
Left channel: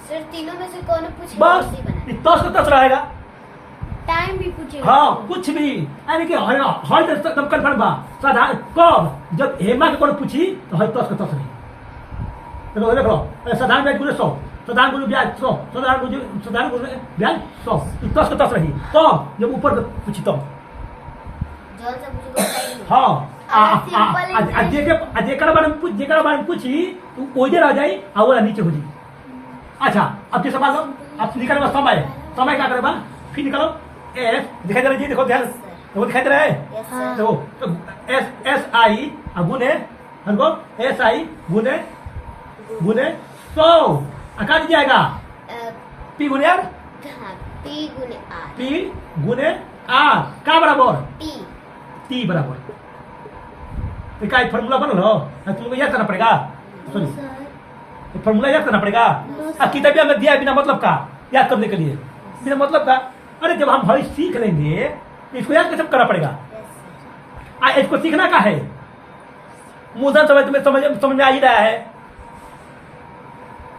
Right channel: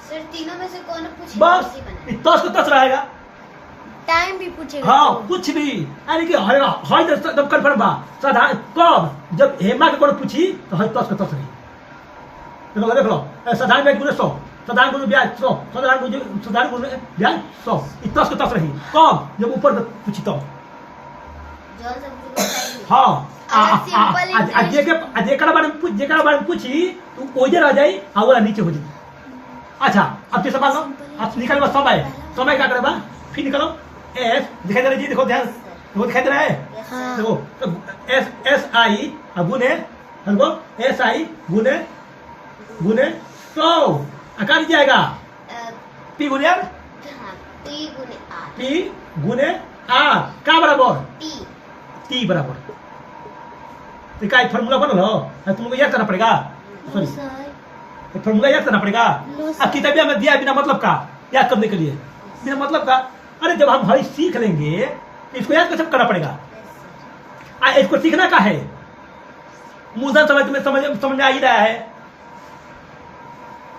सर तीनों में से कौन पूछे बस 10 का 10 रहेगा टाइम भी पूछेगा हाँ कुछ भी यानी कि हर तब कन्फर्म बा साधारण कब जब हेमा के कोनो पूछी तो हर 10 का 10 रही देख लो साधारण ब्याज गुने 100 साधारण गुने ब्याज 100 साधारण गुने ब्याज 100 10 का 10 रही कब जब ऊपर पूछी तब जल्द से मुझे हाँ जेकरा बारे में पूछी तो ओजे रह जाई और वो नीचे हो जी अच्छा अब किस सवाल अब निकल समय क्या करेगा फिर निकलो एस दिखाई दे रहा है देखो ध्यान देखो दिखाई दे रहा है देखो एस आई गुने हमको एस आई गुने 100 आकार जाएगा पी गुने आर पी गुने आर का बराबर टी बराबर तो क्या फॉर्मूला बनल हो तुमको याद करना पड़ेगा सॉरी फॉर्मूला याद करना पड़ेगा अब किताबिया में दिया बिना मतलब का याद करने के लिए बिना मतलब का अरे जब हम भाई सीख लेंगे तो इसको याद कैसे करना पड़ेगा इसको सीखना का है मूलधन समझ में समझ में आ ही रहा है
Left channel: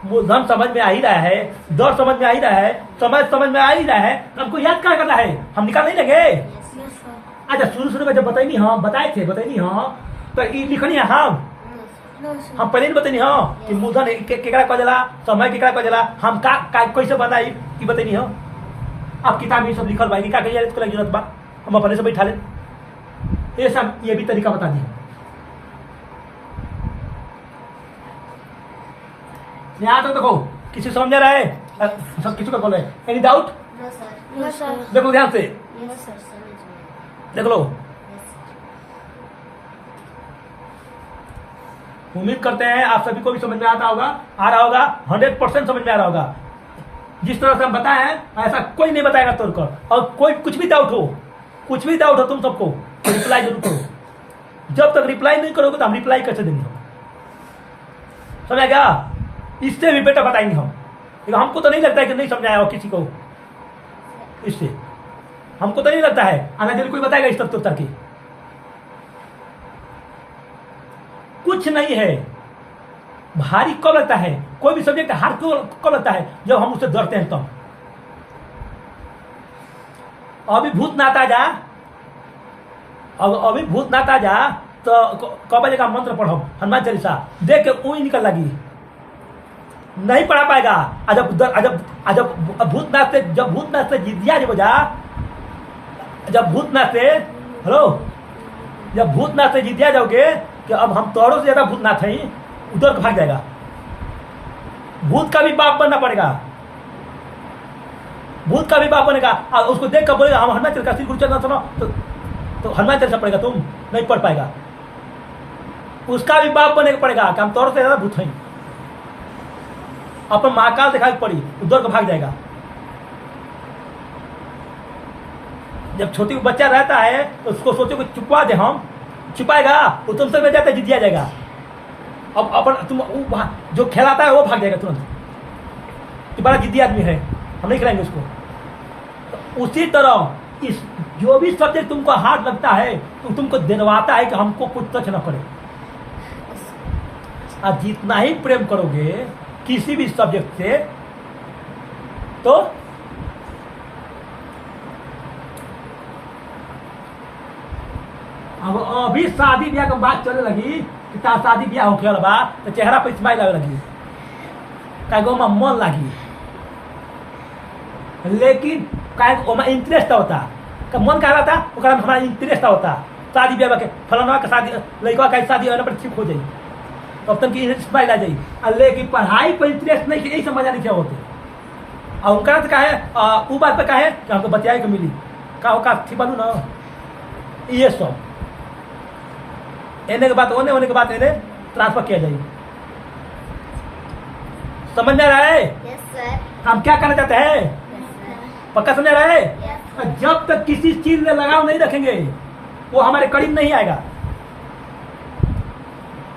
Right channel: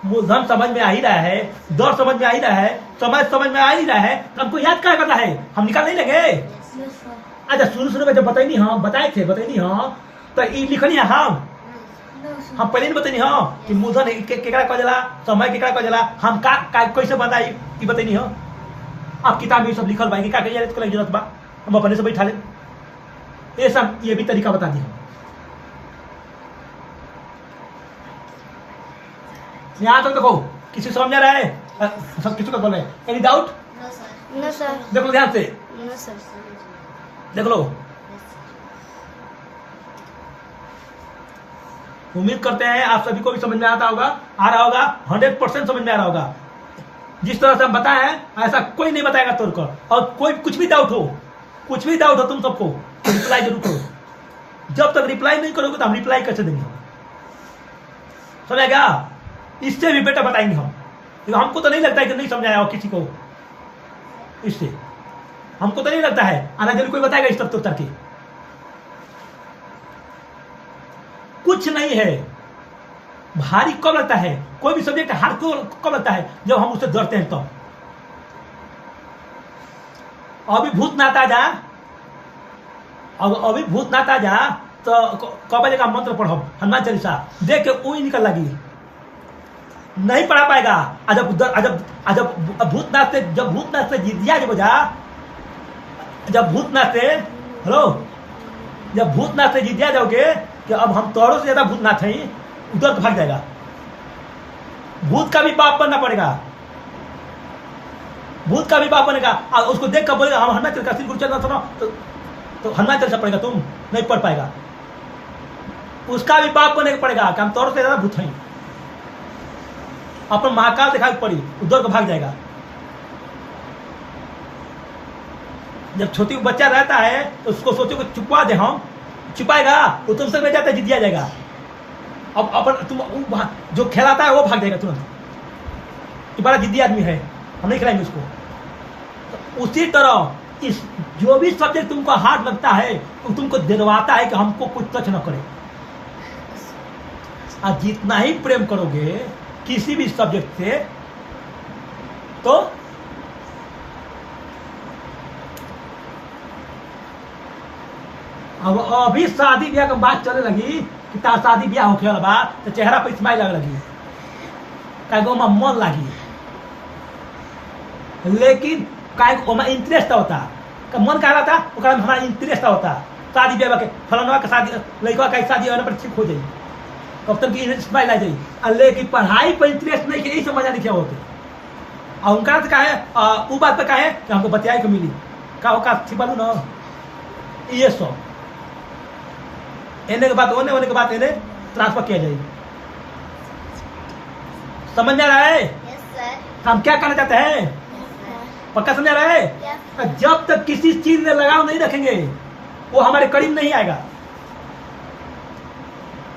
मूलधन समझ में आ ही रहा है दर समझ में आ ही रहा है समय समझ में आ ही रहा है तो हमको याद क्या करना है हम निकाल नहीं लेंगे अच्छा शुरू में जब बताए थे हाँ तो ये लिखनी है हम पहले नहीं बतानी हाँ कि मूलधन केकरा कह जाला समय केकरा कह जाला हम का कैसे बताई कि बतानी हाँ अब किताब में सब लिखल भाई का जरूरत बा हम अपने से बैठा ले ये सब ये भी तरीका बता दिया यहाँ तक देखो किसी समझ में रहा है सब किसी को बोल रहे हैं एनी डाउट नो सर देखो ध्यान से नो सर देख लो उम्मीद करते हैं आप सभी को भी समझ में आ रहा होगा 100% समझ में आ रहा होगा जिस तरह से हम बताए हैं ऐसा कोई नहीं बताएगा तोड़कर और कोई कुछ भी डाउट हो तुम सबको तो रिप्लाई जरूर करो जब तक रिप्लाई नहीं करोगे तो हम रिप्लाई कैसे देंगे समझेगा इससे भी बेटा बताएंगे हम लेकिन हमको तो नहीं लगता है कि नहीं समझाया हो किसी को इससे हमको तो नहीं लगता है आना जरूर कोई बताएगा इस तब तक कुछ नहीं है भारी कब लगता है कोई भी सब्जेक्ट हार्ड कब लगता है जब हम उससे डरते हैं तब अभी भूत नाता जा तो कब का मंत्र पढ़ो हनुमान चालीसा देख के ऊँच निकल लगी नहीं पढ़ा पाएगा जब भूतनाथ से जिदिया जब जा जब भूतनाथ से जिदिया जाओगे कि अब हम तोड़ों से ज्यादा भूतनाथ हैं उधर भाग जाएगा भूत का भी बाप बनना पड़ेगा और उसको देख कर बोलेगा हम हनुमान चालीसा श्री गुरु चरणा सुनो तो हनुमान चालीसा पड़ेगा तुम नहीं पढ़ पाएगा उसका भी बाप बनने पड़ेगा कि हम तोड़ों से ज्यादा भूत हैं अपन महाकाल दिखाई पड़ी उधर को भाग जाएगा जब छोटी बच्चा रहता है तो उसको सोचो कि छुपा दे हम छिपाएगा वो तुमसे बैठ जाता है जिदिया जाएगा अब अपन तुम जो खिलाता है वो भाग जाएगा तुरंत तुम्हारा जिद्दी आदमी है हम नहीं खिलाएंगे उसको तो उसी तरह इस जो भी सब्जेक्ट तुमको हार्ड लगता है तो तुमको दिलवाता है कि हमको कुछ टच न करे और जितना ही प्रेम करोगे किसी भी सब्जेक्ट से तो अब अभी शादी ब्याह की बात चलने लगी कि तार शादी ब्याह होके वाला बा तो चेहरा पर स्माइल आवे लगी काहे में मन लगी लेकिन काहे में इंटरेस्ट होता का मन का रहता ओकरा में हमारा इंटरेस्ट होता शादी ब्याह के फलाना का शादी लड़का का शादी होने पर ठीक हो जाई तब तक की स्माइल आ जाई लेकिन पढ़ाई पर इंटरेस्ट नहीं यही समझ नहीं क्या होते और उनका तो काहे वो बात पे काहे कि हमको बतियाए के मिली का छिपालू ना ये सब एने के बाद होने के बाद इन्हें ट्रांसफर किया जाएगी समझ में आ रहा है यस सर हम क्या करना चाहते हैं पक्का समझ रहा है? Yes. जब तक किसी चीज में लगाव नहीं रखेंगे वो हमारे करीब नहीं आएगा।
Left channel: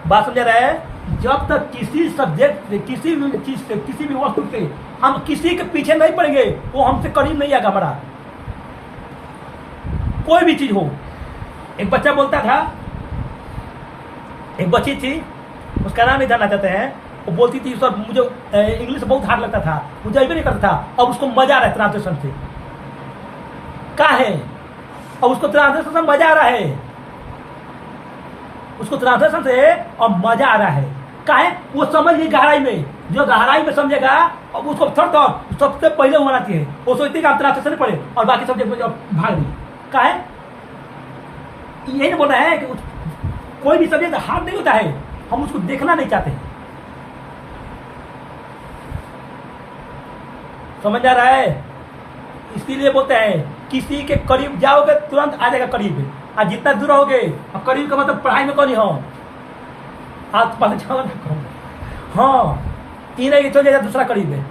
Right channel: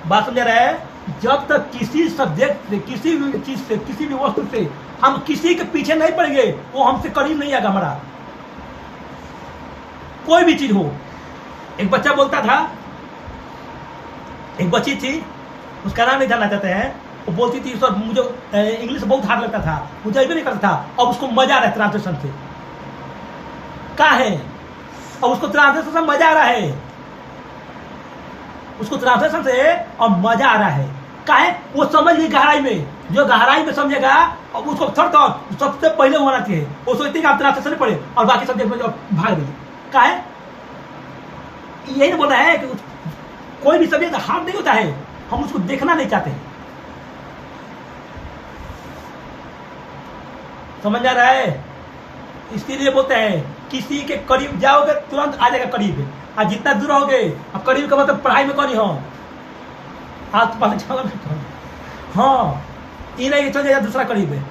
बात समझ रहा है? जब तक किसी सब्जेक्ट से, किसी भी चीज से, किसी भी वस्तु से हम किसी के पीछे नहीं पड़ेंगे वो हमसे करीब नहीं आएगा हमारा। कोई भी चीज हो। एक बच्चा बोलता था, एक बच्ची थी, उसका नाम नहीं जानना चाहते हैं, वो बोलती थी सर मुझे इंग्लिश बहुत हार्ड लगता था, मुझे अभी नहीं करता था, अब उसको मजा आ रहा है ट्रांसलेशन से। कहा है? अब उसको ट्रांसलेशन से मजा आ रहा है, उसको ट्रांसलेशन से और मजा आ रहा है। कहा है? वो समझ गई गहराई में। जो गहराई में समझेगा अब उसको सबसे पहले होना चाहिए। वो सोचते कि आप ट्रांसलेशन नहीं पढ़े और बाकी सब्जेक्ट में भाग गई। कहा है? यही नहीं बोल रहा है कि कोई भी सब्जेक्ट हार्ड नहीं होता है, हम उसको देखना नहीं चाहते। समझ आ रहा है? इसीलिए बोलते हैं किसी के करीब जाओगे तुरंत आ जाएगा करीब, और जितना दूर रहोगे, अब करीब का मतलब पढ़ाई में कौन हो आप पढ़ जाओ ना कौन। हाँ, तीन है चल जाएगा, दूसरा करीब है।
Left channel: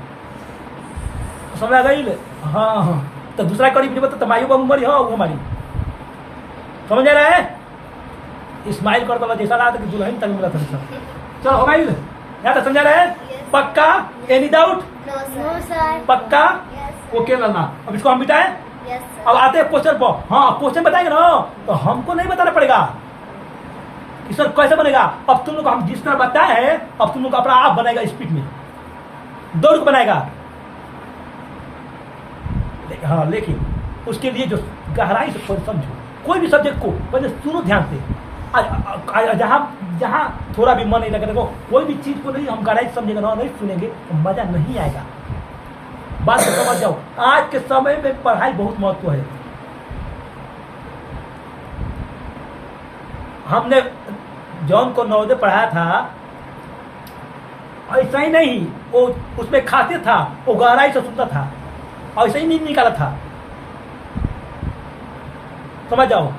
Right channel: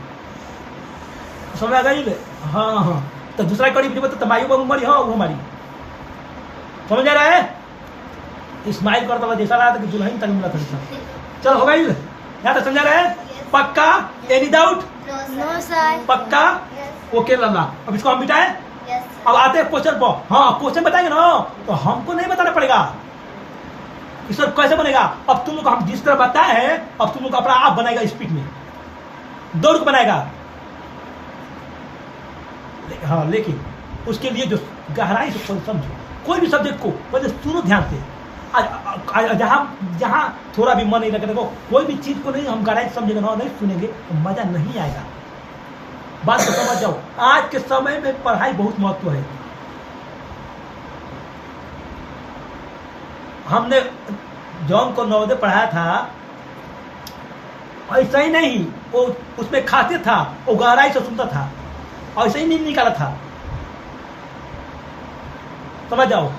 समझ आ गई? हाँ हाँ, तो दूसरा करीब नहीं मतलब तुम्हारी उम्र हो वो हमारी। समझ आ रहा है? इस्माइल करता हुआ जैसा रहा था कि दुल्हन तक मिला था। चलो हो गई? यहाँ तक समझा रहे? पक्का? Any doubt? No, sir. पक्का? Yes. ओके लाना। अब इसको हम बिठाएं। Yes, sir. अब आते हैं क्वेश्चन पर। हाँ, क्वेश्चन बताएंगे ना तो हमको नहीं बताना पड़ेगा कि सर कैसे बनेगा। अब तुम लोग हम जिस तरह बताए हैं, अब तुम लोग अपना आप बनाएगा स्पीड में, दौड़ बनाएगा। हाँ, लेकिन उसके लिए जो गहराई से समझो, कोई भी सब्जेक्ट को पहले सुनो ध्यान से। जहाँ थोड़ा भी मन नहीं लगे, देखो कोई भी चीज को नहीं हम गहराई से समझेंगे ना, नहीं सुनेंगे तो मजा नहीं आएगा। बात को समझ जाओ। आज के समय में पढ़ाई बहुत महत्व है। हमने जॉन को नवोदय पढ़ाया था, ऐसा ही नहीं, वो उसमें खाते था, वो गहराई से सुनता था, ऐसा ही नहीं निकाला था। समझ जाओ।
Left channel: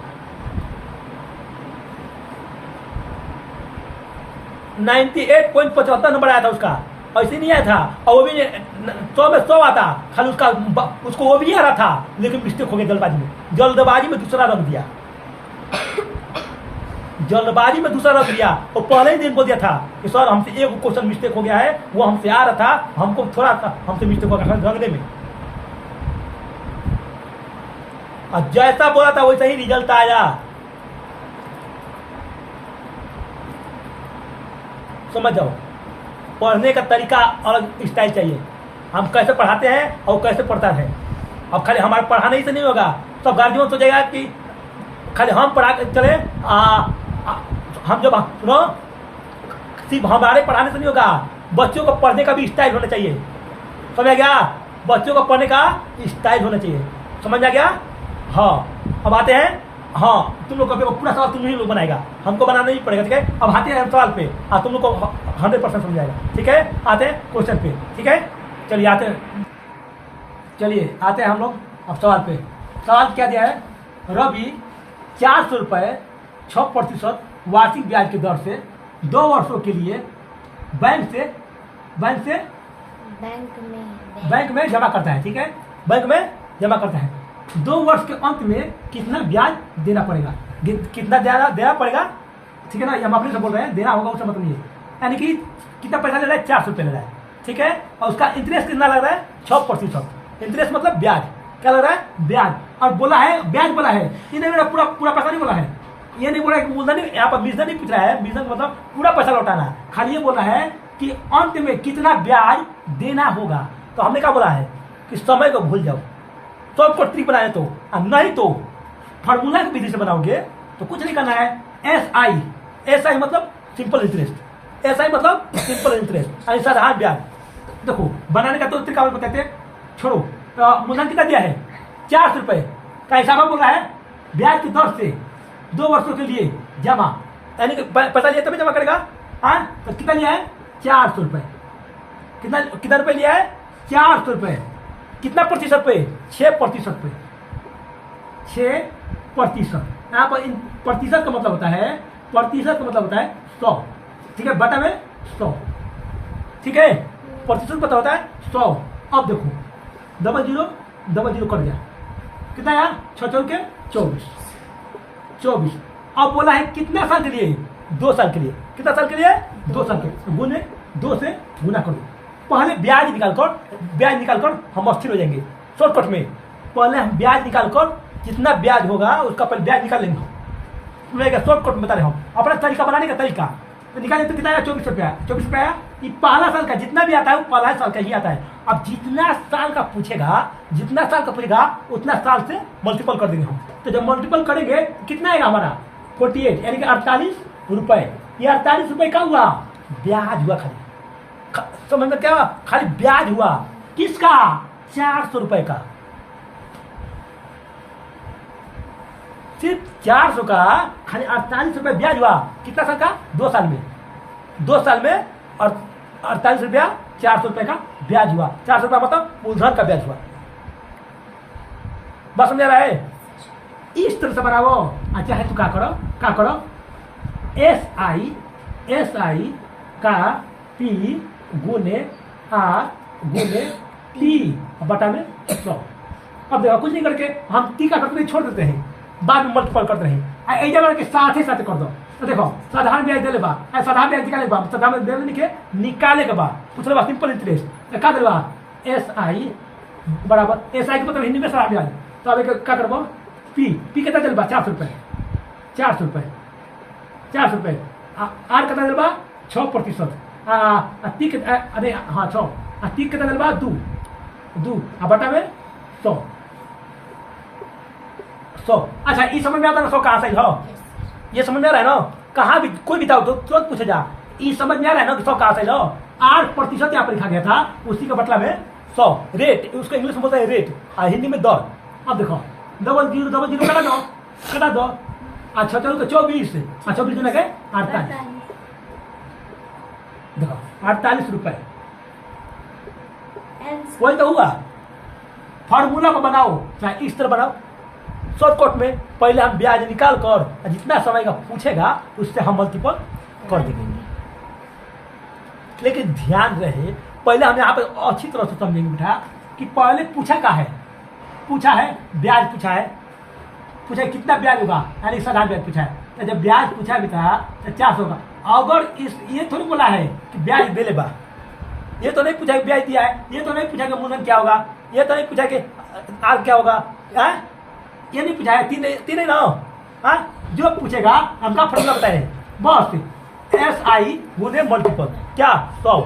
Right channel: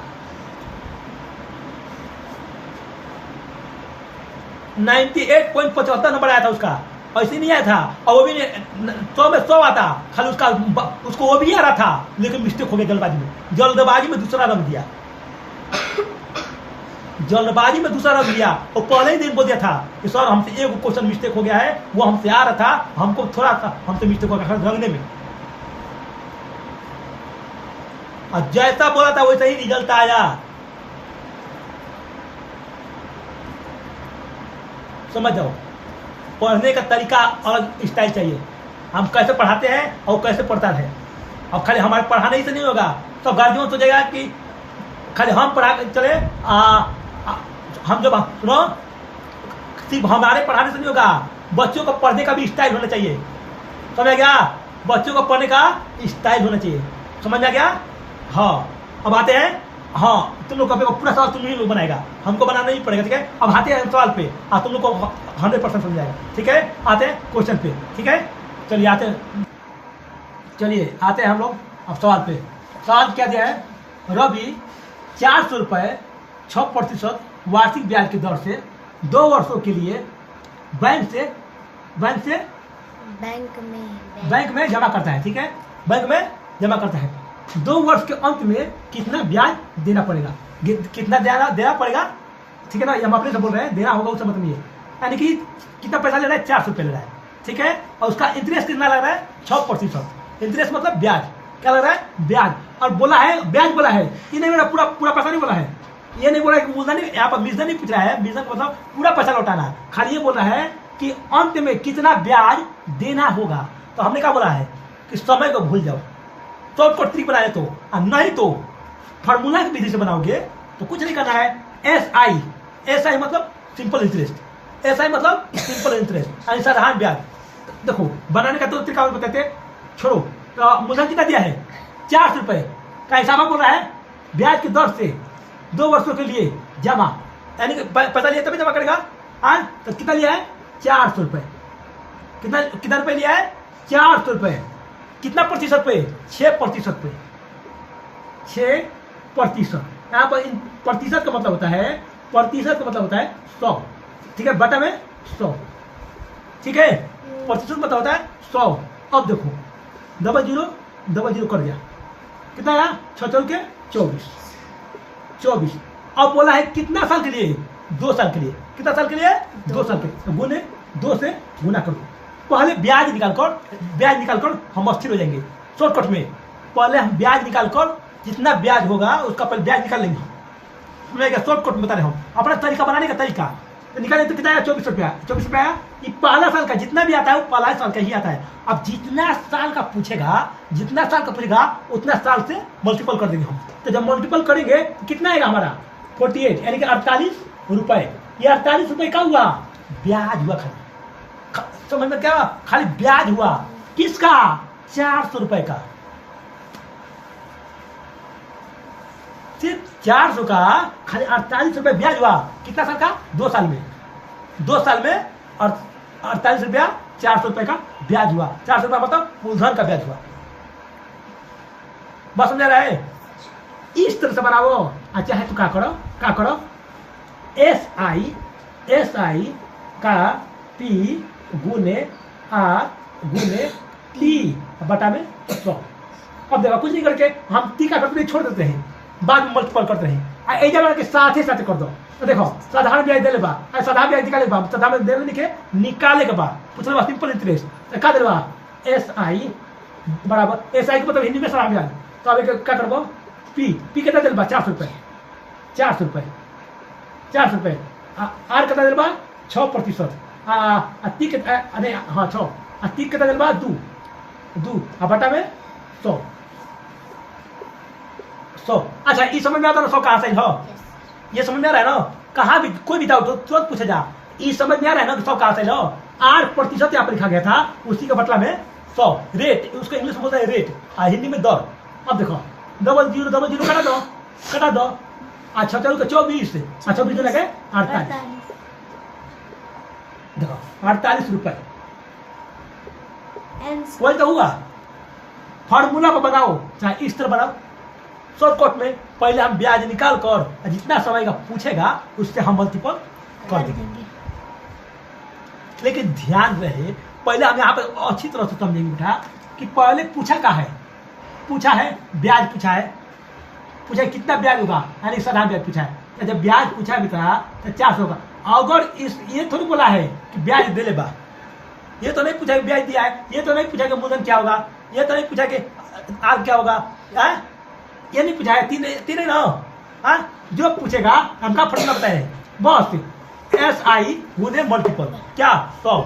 98.75 नंबर आया था उसका, ऐसे नहीं आया था। और वो भी 100 में 100 आता, खाली उसको वो भी आ रहा था, लेकिन मिस्टेक हो गया जल्दबाजी में दूसरा रख दिया। जल्दबाजी में दूसरा रख दिया और पहले ही दिन बोल दिया था कि सर हमसे एक क्वेश्चन मिस्टेक हो गया है, वो हमसे आ रहा था, हमको थोड़ा सा हमसे मिस्टेक हो गया रखने में। और जैसा बोला था वैसा ही रिजल्ट आया। समझ जाओ। पढ़ने का तरीका अलग स्टाइल चाहिए। हम कैसे पढ़ाते हैं और कैसे पढ़ता है। अब खाली हमारे पढ़ाने ही से नहीं होगा, सब गार्जियन सोचेगा कि खाली हम पढ़ा चले। हम जब सुनो, सिर्फ हमारे पढ़ाने से नहीं होगा, बच्चों को पढ़ने का भी स्टाइल होना चाहिए। समझ आ गया? बच्चों को पढ़ने का स्टाइल होना चाहिए। समझ आ गया? हाँ, अब आते हैं। हाँ, तुम लोग का पूरा सवाल तुम ही लोग बनाएगा, हमको बनाना नहीं पड़ेगा। ठीक है? अब आते हैं सवाल पे, तुम लोग को 100% समझ आएगा। ठीक है? आते हैं क्वेश्चन पे। ठीक है? चलिए आते हैं, चलिए आते हैं हम लोग अब सवाल पे। सवाल क्या दिया है? रवि 400 रुपये 6% वार्षिक ब्याज की दर से 2 वर्षों के लिए बैंक में जमा करता है। ठीक है? बैंक में जमा करता है। 2 वर्ष के अंत में कितना ब्याज देना पड़ेगा? कितना देना पड़ेगा? ठीक है ना? हम अपने से बोल रहे हैं, देना होगा उसका मतलब ये, यानी कि कितना पैसा ले रहा है? 400 रुपये ले रहा है। ठीक है? और उसका इंटरेस्ट कितना लग रहा है? 6%। इंटरेस्ट मतलब ब्याज। क्या लग रहा है? ब्याज। और बोला है ब्याज, बोला है, ये नहीं, मेरा पूरा पैसा नहीं बोला है। ये नहीं बोला कि मूलधन, यहाँ पर बीजधन नहीं पूछ रहा है। बीजधन मतलब पूरा पैसा लौटाना, खाली ये बोला है कि अंत में कितना ब्याज देना होगा। तो हमने क्या बोला है कि समय को भूल जाओ, तो आपको ट्रिक बनाए तो, नहीं तो फार्मूला की विधि से बनाओगे तो कुछ नहीं करना है। SI मतलब सिंपल इंटरेस्ट। SI मतलब सिंपल इंटरेस्ट, साधारण ब्याज। देखो बनाने का तो तरीका बताते हैं, छोड़ो। तो मूलधन कितना दिया है? 400 रुपये का हिसाब बोल रहा है, ब्याज की दर से 2 वर्षों के लिए जमा, यानी कि पैसा लिया तभी जमा करेगा। तो कितना लिया है? 400 रुपये। कितना रुपये लिया है? 400 रुपये। कितना प्रतिशत पे? 6% पे। 6%। यहाँ पर प्रतिशत का मतलब होता है, 100। ठीक है? बटा में 100। ठीक है? प्रतिशत पता होता है 100। अब देखो 00 डबल जीरो कर गया, कितना आया 6 चौके 24, 24। अब बोला है कितना साल के लिए, 2 साल के लिए, कितना साल के लिए 2 साल के, तो गुने 2 से गुना करो। पहले ब्याज निकाल कर हम अस्थिर हो जाएंगे शॉर्टकट में। पहले हम ब्याज निकाल कर जितना ब्याज होगा उसका पहले ब्याज निकाल लेंगे हम, शॉर्टकट में बता रहे हम अपना तरीका बनाने का तरीका। तो निकाले तो कितना आया 24 रुपया, 24 रुपया। ये पहला साल का जितना भी आता है वो पहला साल का ही आता है। अब जितना साल का पूछेगा उतना साल से मल्टीपल कर देंगे हम। तो जब मल्टीपल करेंगे तो कितना आएगा हमारा 48, यानी कि 48 रुपए। ये 48 रुपए का हुआ ब्याज हुआ, खाली समझ में क्या, खाली ब्याज हुआ। किसका 400 रुपए का, सिर्फ 400 का खाली 48 रुपए ब्याज हुआ। कितना साल का, 2 साल में, 2 साल में। और 48 रुपया 400 रुपए का ब्याज हुआ। 400 रुपया मतलब मूलधन का ब्याज हुआ। बात समझ रहा है, इस तरह से बनाओ। अच्छा है तो क्या करो SI का P गुने R गुने T बटा में 100। अब देखो कुछ नहीं करके हम T का करते छोड़ देते हैं, बाद में मल्टीपल करते हैं। ऐसा के साथ ही साथ कर दो। तो देखो साधारण ब्याज दे लेबा, साधारण ब्याज निकाले बा, साधारण दे लिखे निकाले के बाद पूछ लेबा सिंपल इंटरेस्ट। तो का देबा SI बराबर, SI के मतलब हिंदी में साधारण ब्याज। तो अब क्या करबो P कितना देलबा 400 रुपए, 400 रुपए, 400 रुपए। R कितना देलबा 6%। T के अरे हाँ 6, T कितना देलबा 2 बटा में 100। अच्छा ये समझ में आता ना 100 कहाँ से हो, ये समझ में आ रहा है ना। कहाँ भी कोई भी डाउट हो तुरंत पूछे जा, ये समझ में आ रहा है ना कि 100 कहाँ से हो। 8% यहाँ पर लिखा गया था, उसी का मतलब है 100। रेट उसको इंग्लिश में बोलता है रेट, हिंदी में दर। अब देखो डबल जीरो कटा दो। अच्छा चलो 24, 24 जो लगे 48, देखो 48 रुपए वही तो हुआ। फॉर्मूला को बनाओ, चाहे इस तरह बनाओ शॉर्टकट में। पहले हम ब्याज निकाल कर जितना समय का पूछेगा उससे हम मल्टीपल कर देंगे। लेकिन ध्यान रहे पहले हम यहाँ पर अच्छी तरह से समझेंगे बेटा कि पहले पूछा है ब्याज पूछा है कितना ब्याज होगा, यानी साधारण ब्याज पूछा है। जब ब्याज पूछा है बेटा तो 400 होगा। अगर इस ये थोड़ी बोला है कि ब्याज दे लेबा, ये तो नहीं पूछा कि ब्याज दिया है, ये तो नहीं पूछा कि मूलधन क्या होगा, ये तो नहीं पूछा कि आर क्या होगा, ये नहीं पूछा है। तीन ना, जो पूछेगा हमका फॉर्मूला बताए बस SI गुने मल्टीपल क्या 100,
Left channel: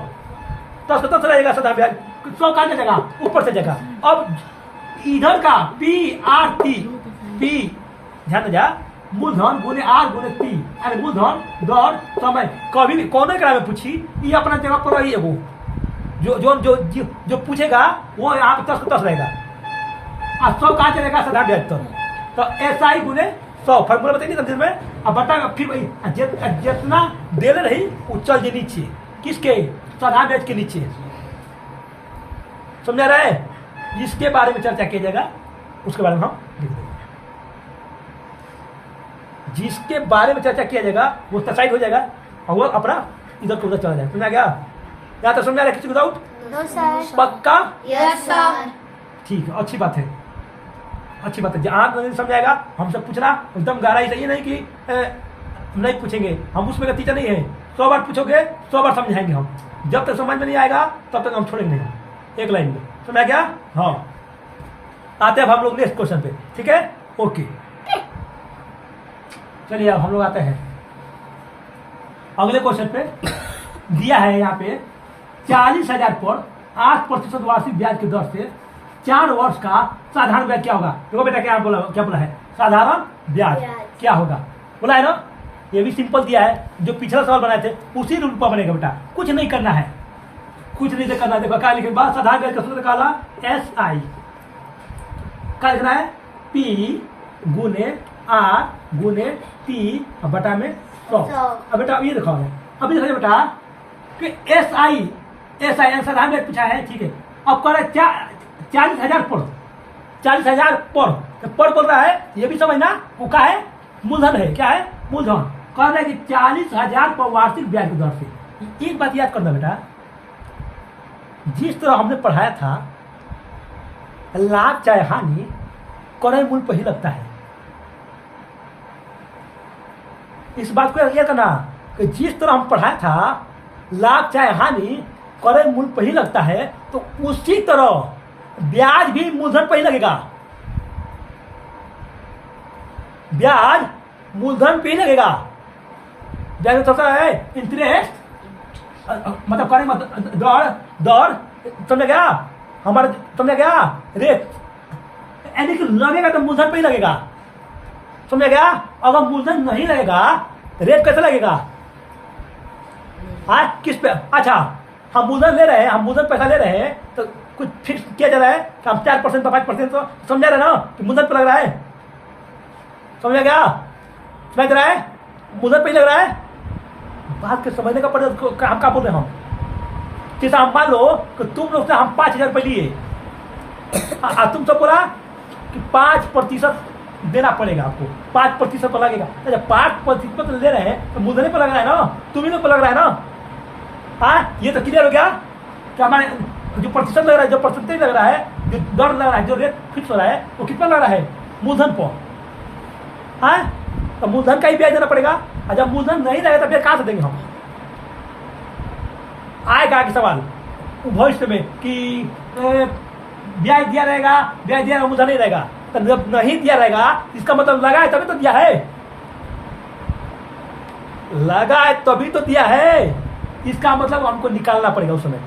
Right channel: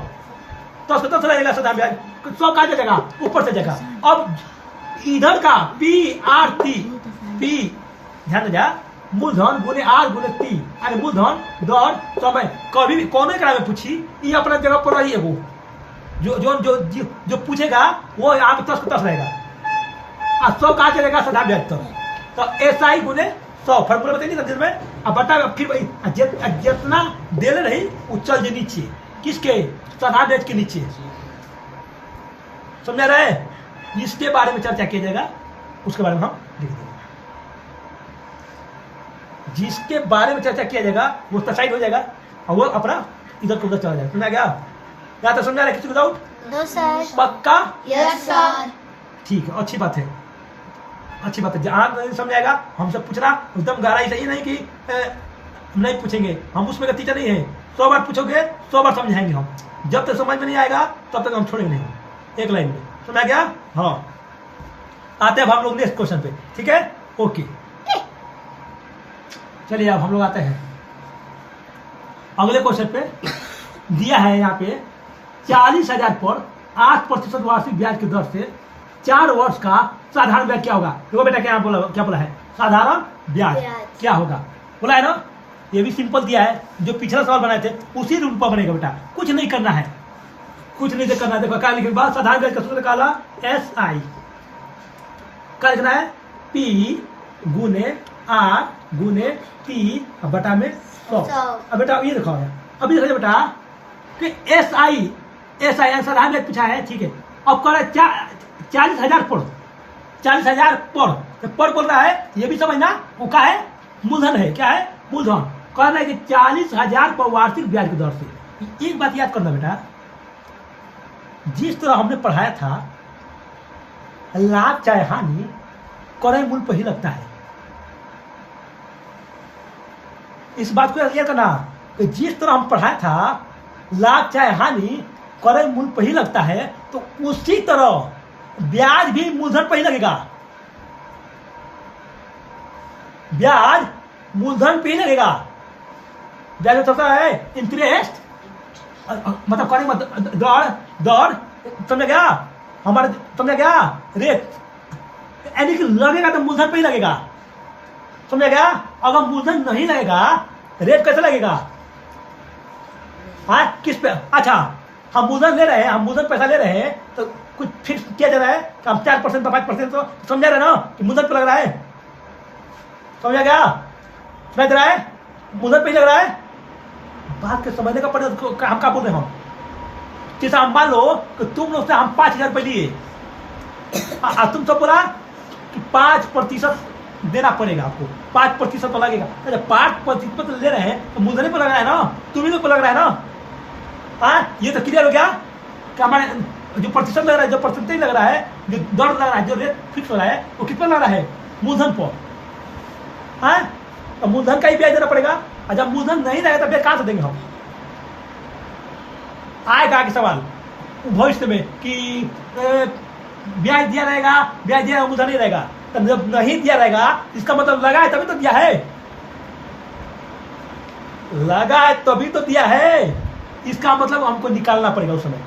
10 रहेगा साधारण ब्याज, 100 का जगह ऊपर से जगह। अब इधर का PRT, P ध्यान दे मूलधन गुने R गुने T, अरे मूलधन दर समय कभी भी कौन करा में पूछी, ये अपना जगह पर रही है। वो जो पूछेगा वो यहाँ पे 10 रहेगा, 100 कहाँ चलेगा साधारण ब्याज तो SI गुने 100 फॉर्मूला बताइए समझ में। अब बता फिर वही जितना दे ले रही वो चल जे नीचे, किसके साधारण ब्याज के नीचे। समझा रहे, इसके बारे में चर्चा किया जाएगा, उसके बारे में हम लिख देंगे। जिसके बारे में चर्चा किया जाएगा वो साइड हो जाएगा और वो अपना इधर को उधर चला जाएगा। समझा गया, या तो समझा रहे किसी को डाउट? No sir. पक्का? Yes sir. ठीक है, अच्छी बात है, अच्छी बात है। जहाँ नहीं समझाएगा हमसे पूछना एकदम गहराई से, ये नहीं कि नहीं पूछेंगे, हम उसमें का टीचर नहीं है। 100 बार पूछोगे 100 बार समझाएंगे हम, जब तक समझ में नहीं आएगा तब तक हम छोड़ेंगे नहीं, एक लाइन में। समझा गया? हाँ, आते हैं अब हम लोग नेक्स्ट क्वेश्चन पे। ठीक है, ओके चलिए अब हम लोग आते हैं अगले क्वेश्चन पे। दिया है यहाँ पे 40,000 पर 8% वार्षिक ब्याज की दर से 4 वर्ष का साधारण ब्याज क्या होगा। देखो बेटा क्या बोला है, साधारण ब्याज क्या होगा बोला है ना। ये भी सिंपल दिया है, जो पिछला सवाल बनाए थे उसी रूप पर बनेगा बेटा, कुछ नहीं करना है, कुछ नहीं करना है। देखो क्या लिखे बाद साधारण ब्याज का सूत्र निकाला SI क्या लिखना है P गुने R गुने T बटा में 100। अब बेटा ये देखो, अभी देखो बेटा कि SI साधारण ब्याज पूछा है, ठीक है। अब कर 40,000 पर 40,000 पर बोल रहा है, ये भी समझना वो क्या है, मूलधन है। क्या है? मूलधन। कहना है कि 40,000 पर वार्षिक ब्याज की दर से। एक बात याद करना बेटा, जिस तरह हमने पढ़ाया था लाभ चाहे हानि क्रय मूल्य पर ही लगता है। इस बात को याद करना कि जिस तरह हम पढ़ाया था लाभ चाहे हानि क्रय मूल्य पर ही लगता है, तो उसी तरह ब्याज भी मूलधन पर ही लगेगा। ब्याज मूलधन पे ही लगेगा। ब्याज में सबसे है इंटरेस्ट, मतलब क्रय दर दर, समझ गया हमारे, समझ गया रेट, यानी कि लगेगा तो मूलधन पे ही लगेगा। समझ गया। अगर मूलधन नहीं लगेगा रेट कैसे लगेगा? हाँ किस पे? अच्छा हम मूलधन ले रहे हैं, हम मूलधन पैसा ले रहे हैं तो कुछ फिक्स किया जा रहा है, हम 4% 5%, तो समझा रहे ना कि मूलधन पे लग रहा है। समझ गया? समझ रहा है मूलधन पे ही लग रहा है। बात के समझने का पड़े, हम क्या बोल रहे हैं हम? जैसा हम मान लो कि तुम लोग से हम 5,000 रुपये लिए, तुम सब बोला कि 5% देना पड़ेगा आपको, 5% लगेगा। तो जब 5% ले रहे हैं तो मूलधन पर लग रहा है ना, तुम ही लोग पर लग रहा है ना। हाँ ये तो क्लियर हो गया कि हमारे जो प्रतिशत लग रहा है, जो परसेंटेज लग रहा है, जो दर लग रहा है, जो रेट फिक्स हो रहा है, वो कितना लग रहा है? मूलधन पर। हाँ तो मूलधन का ही ब्याज देना पड़ेगा। और जब मूलधन नहीं रहेगा तो ब्याज कहाँ से देंगे हम? आएगा आगे सवाल भविष्य में कि ब्याज दिया रहेगा, ब्याज दिया मूलधन नहीं रहेगा। तो जब नहीं दिया रहेगा इसका मतलब लगा है तभी तो दिया है, लगा है तभी तो दिया है। इसका मतलब हमको निकालना पड़ेगा उस समय।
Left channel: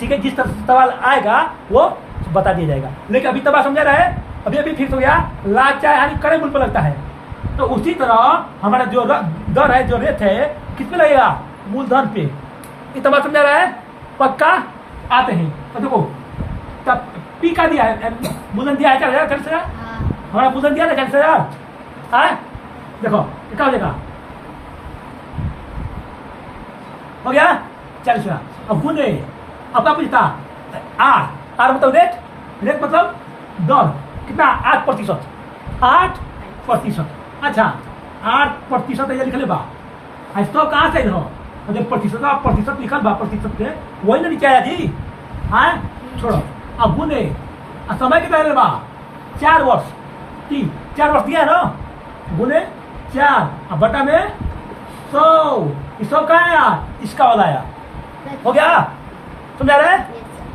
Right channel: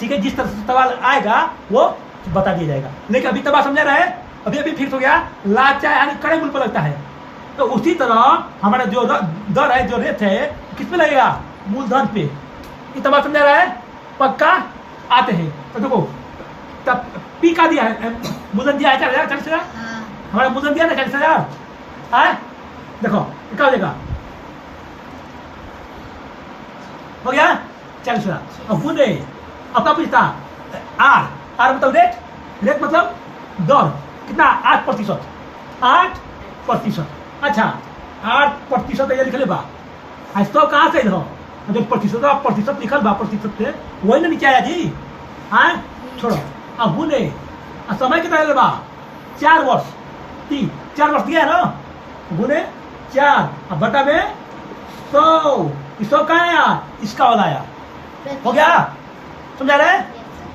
ठीक है, जिस तरह से सवाल आएगा वो बता दिया जाएगा। लेकिन अभी तब समझा रहा है, अभी अभी फिक्स हो गया लाभ चाहे हानि क्रय मूल्य पर लगता है। तो उसी तरह हमारा जो दर है, जो रेट है, किस पे लगेगा? मूलधन पे। ये तब समझा रहा है पक्का। आते हैं तो देखो तब पी का दिया है, मूलधन दिया है 40,000, हमारा मूलधन दिया ना 40,000। देखो क्या हो जाएगा, हो गया 40,000। अब गुण रहे, अब क्या पूछता? आर मतलब रेट, रेट मतलब दर कितना? 8%। 8%। अच्छा 8% ये लिख ले बा, तो कहाँ से हो? जब प्रतिशत लिखल बा, प्रतिशत से वही ना नीचे आया जी। हाँ छोड़ो, अब गुने समय कितना ले बा? 4 वर्ष, 4 वर्ष दिया है ना, गुने 4 अब बटा में 100, 100 कहाँ आया? इसका वाला आया। हो गया, समझा रहे?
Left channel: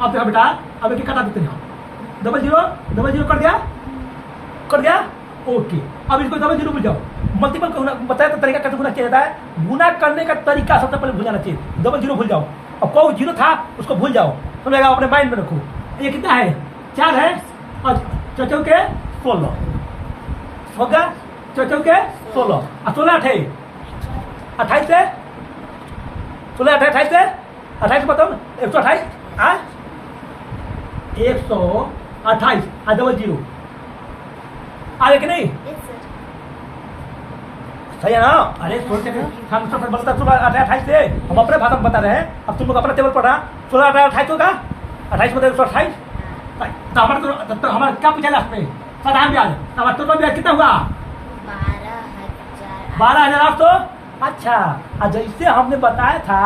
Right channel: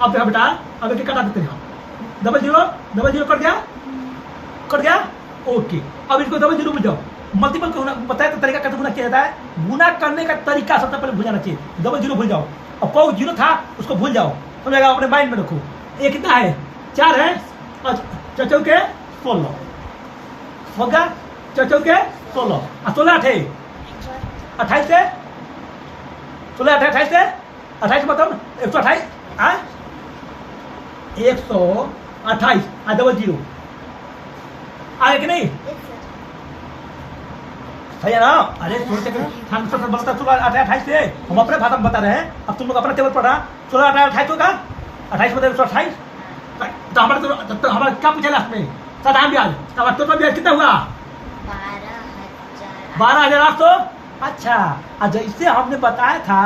अब देखो बेटा, अब एक कटा देते हैं, 0 कट गया, कट गया। ओके, अब इसको 0 बुझ जाओ। मल्टीपल को बताया तो तरीका कैसे गुना किया जाता है। गुना करने का तरीका सबसे पहले भूल जाना चाहिए। 0 भूल जाओ, अब कोई 0 था उसको भूल जाओ, समझ अपने माइंड में रखो। ये कितना है? 4 है और 4 के 16 हो गया, 4 के 16 और 16 8 28 से 16 28 से 28 मतलब 128। 128 और 0 आगे कि नहीं? सही है ना? अरे सोचते हम सब बता 16 से हम अपने भाषा में बता रहे हैं। अब तुम लोग अपना टेबल पढ़ रहा 16 28 होगा, 28 मतलब 128। तो हमारा क्या पूछा लास्ट में? साधारण ब्याज, हमारा टोटल ब्याज कितना हुआ? 12,800। अच्छा, जैसे हमने बताया था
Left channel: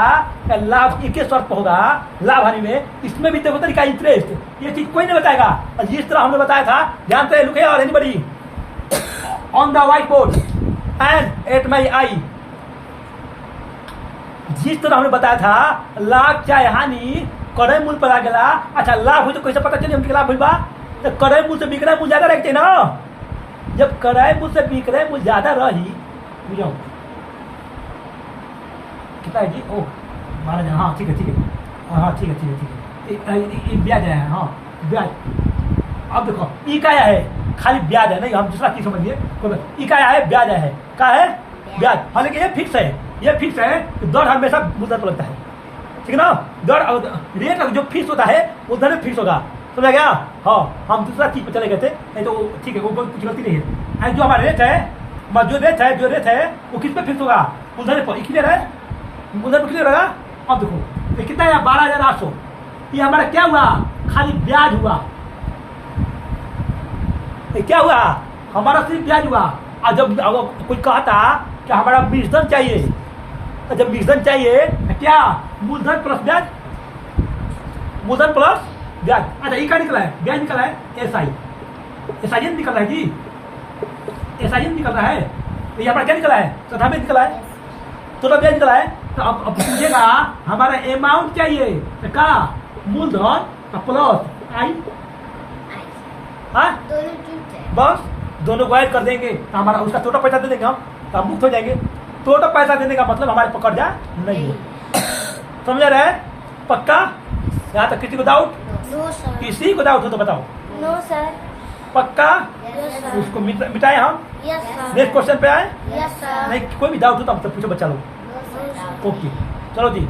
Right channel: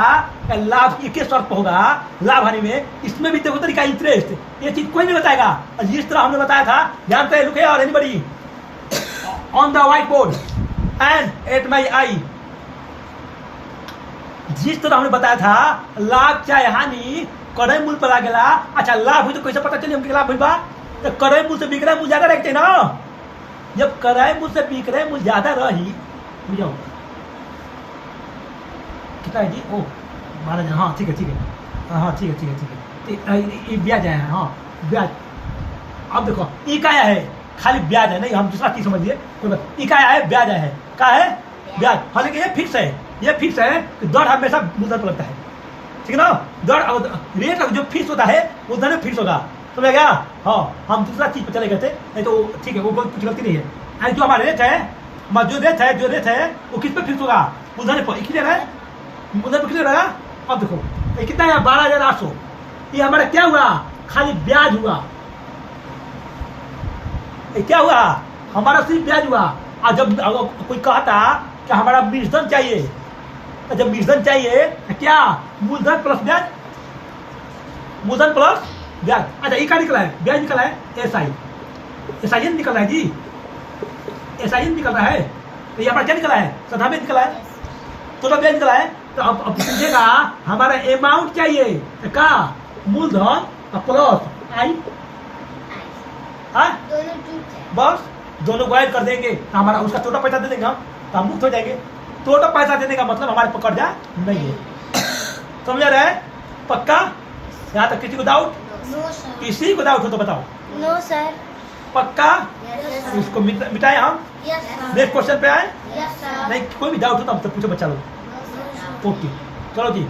कि लाभ एक ही शर्त होगा लाभ हानि में, इसमें भी देखो तरीका इंटरेस्ट, ये चीज कोई नहीं बताएगा। और जिस तरह हमने बताया था, जानते हैं लुके और anybody on the white board and at my eye, जिस तरह हमने बताया था लाभ चाहे हानि क्रय मूल्य पर आ गया। अच्छा लाभ हुई तो कैसे पता चले हमके लाभ हुई बा? तो क्रय मूल्य से विक्रय मूल्य ज्यादा रखते ना। जब क्रय मूल्य से विक्रय मूल्य ज्यादा रही, बुझाओ कितना है जी? ओ 12,000। हाँ ठीक है ठीक है, हाँ ठीक है ठीक है ठीक है, ये ब्याज है। हाँ ब्याज, अब देखो ई का आया है, खाली ब्याज है, नहीं हम दूसरा चीज समझ लिए, कोई बात। ई का आया है, ब्याज है, का है ब्याज। हालांकि ये फिक्स है, ये फिक्स है कि दर हमेशा मूलधन पर लगता है। ठीक है ना? दर रेट जो फिक्स होता है वो धन फिक्स होगा, समझ गया? हाँ हम दूसरा चीज पर चले गए थे, नहीं तो ठीक है वो कुछ गलती नहीं है। जो हमारा रेट है, जो रेट है वो किस पे फिक्स होगा? मूलधन पर। क्लियर है? मूलधन पर क्लियर होगा। अब देखो ये कितना है? 12,800। ये हमारा क्या हुआ? खाली ब्याज हुआ। ये क्या हुआ? हमारा सिर्फ ब्याज हुआ। और जब कोई कहता कि हमारा मूलधन चाहिए, तो जब मूलधन चाहिए तो क्या? मूलधन प्लस ब्याज, मूलधन प्लस ब्याज। अच्छा ये क्या निकला है? ब्याज निकला है SI, SIN निकल रहा है जी, SIN निकल रहा है। तो यहाँ पर क्या निकला है? श्रद्धा में निकला है, तो ब्याज निकला है। तो अब पूछेगा हमारा अमाउंट चाहिए, तो क्या मूलधन प्लस आई, हाँ दोनों झूठ है। बस दोनों को ऐड कर देंगे तो हमारा उसका टोटल पैसा दे देंगे हम, तो हम मुक्त हो जाएंगे। टोटल पैसा देने का मतलब हमारे पकड़ जा नहीं है। समझ रहा है? पक्का? यहाँ तक किसी को डाउट? No sir. किसी को डाउट हो तो बताओ। No sir. पक्का? यस तो इसको मिटाए हम, यस सर। नेक्स्ट क्वेश्चन पे आए। Yes sir. नहीं कोई भी डाउट हो तो हम तो पूछो बच्चा लोग। No sir. ओके चलो जी।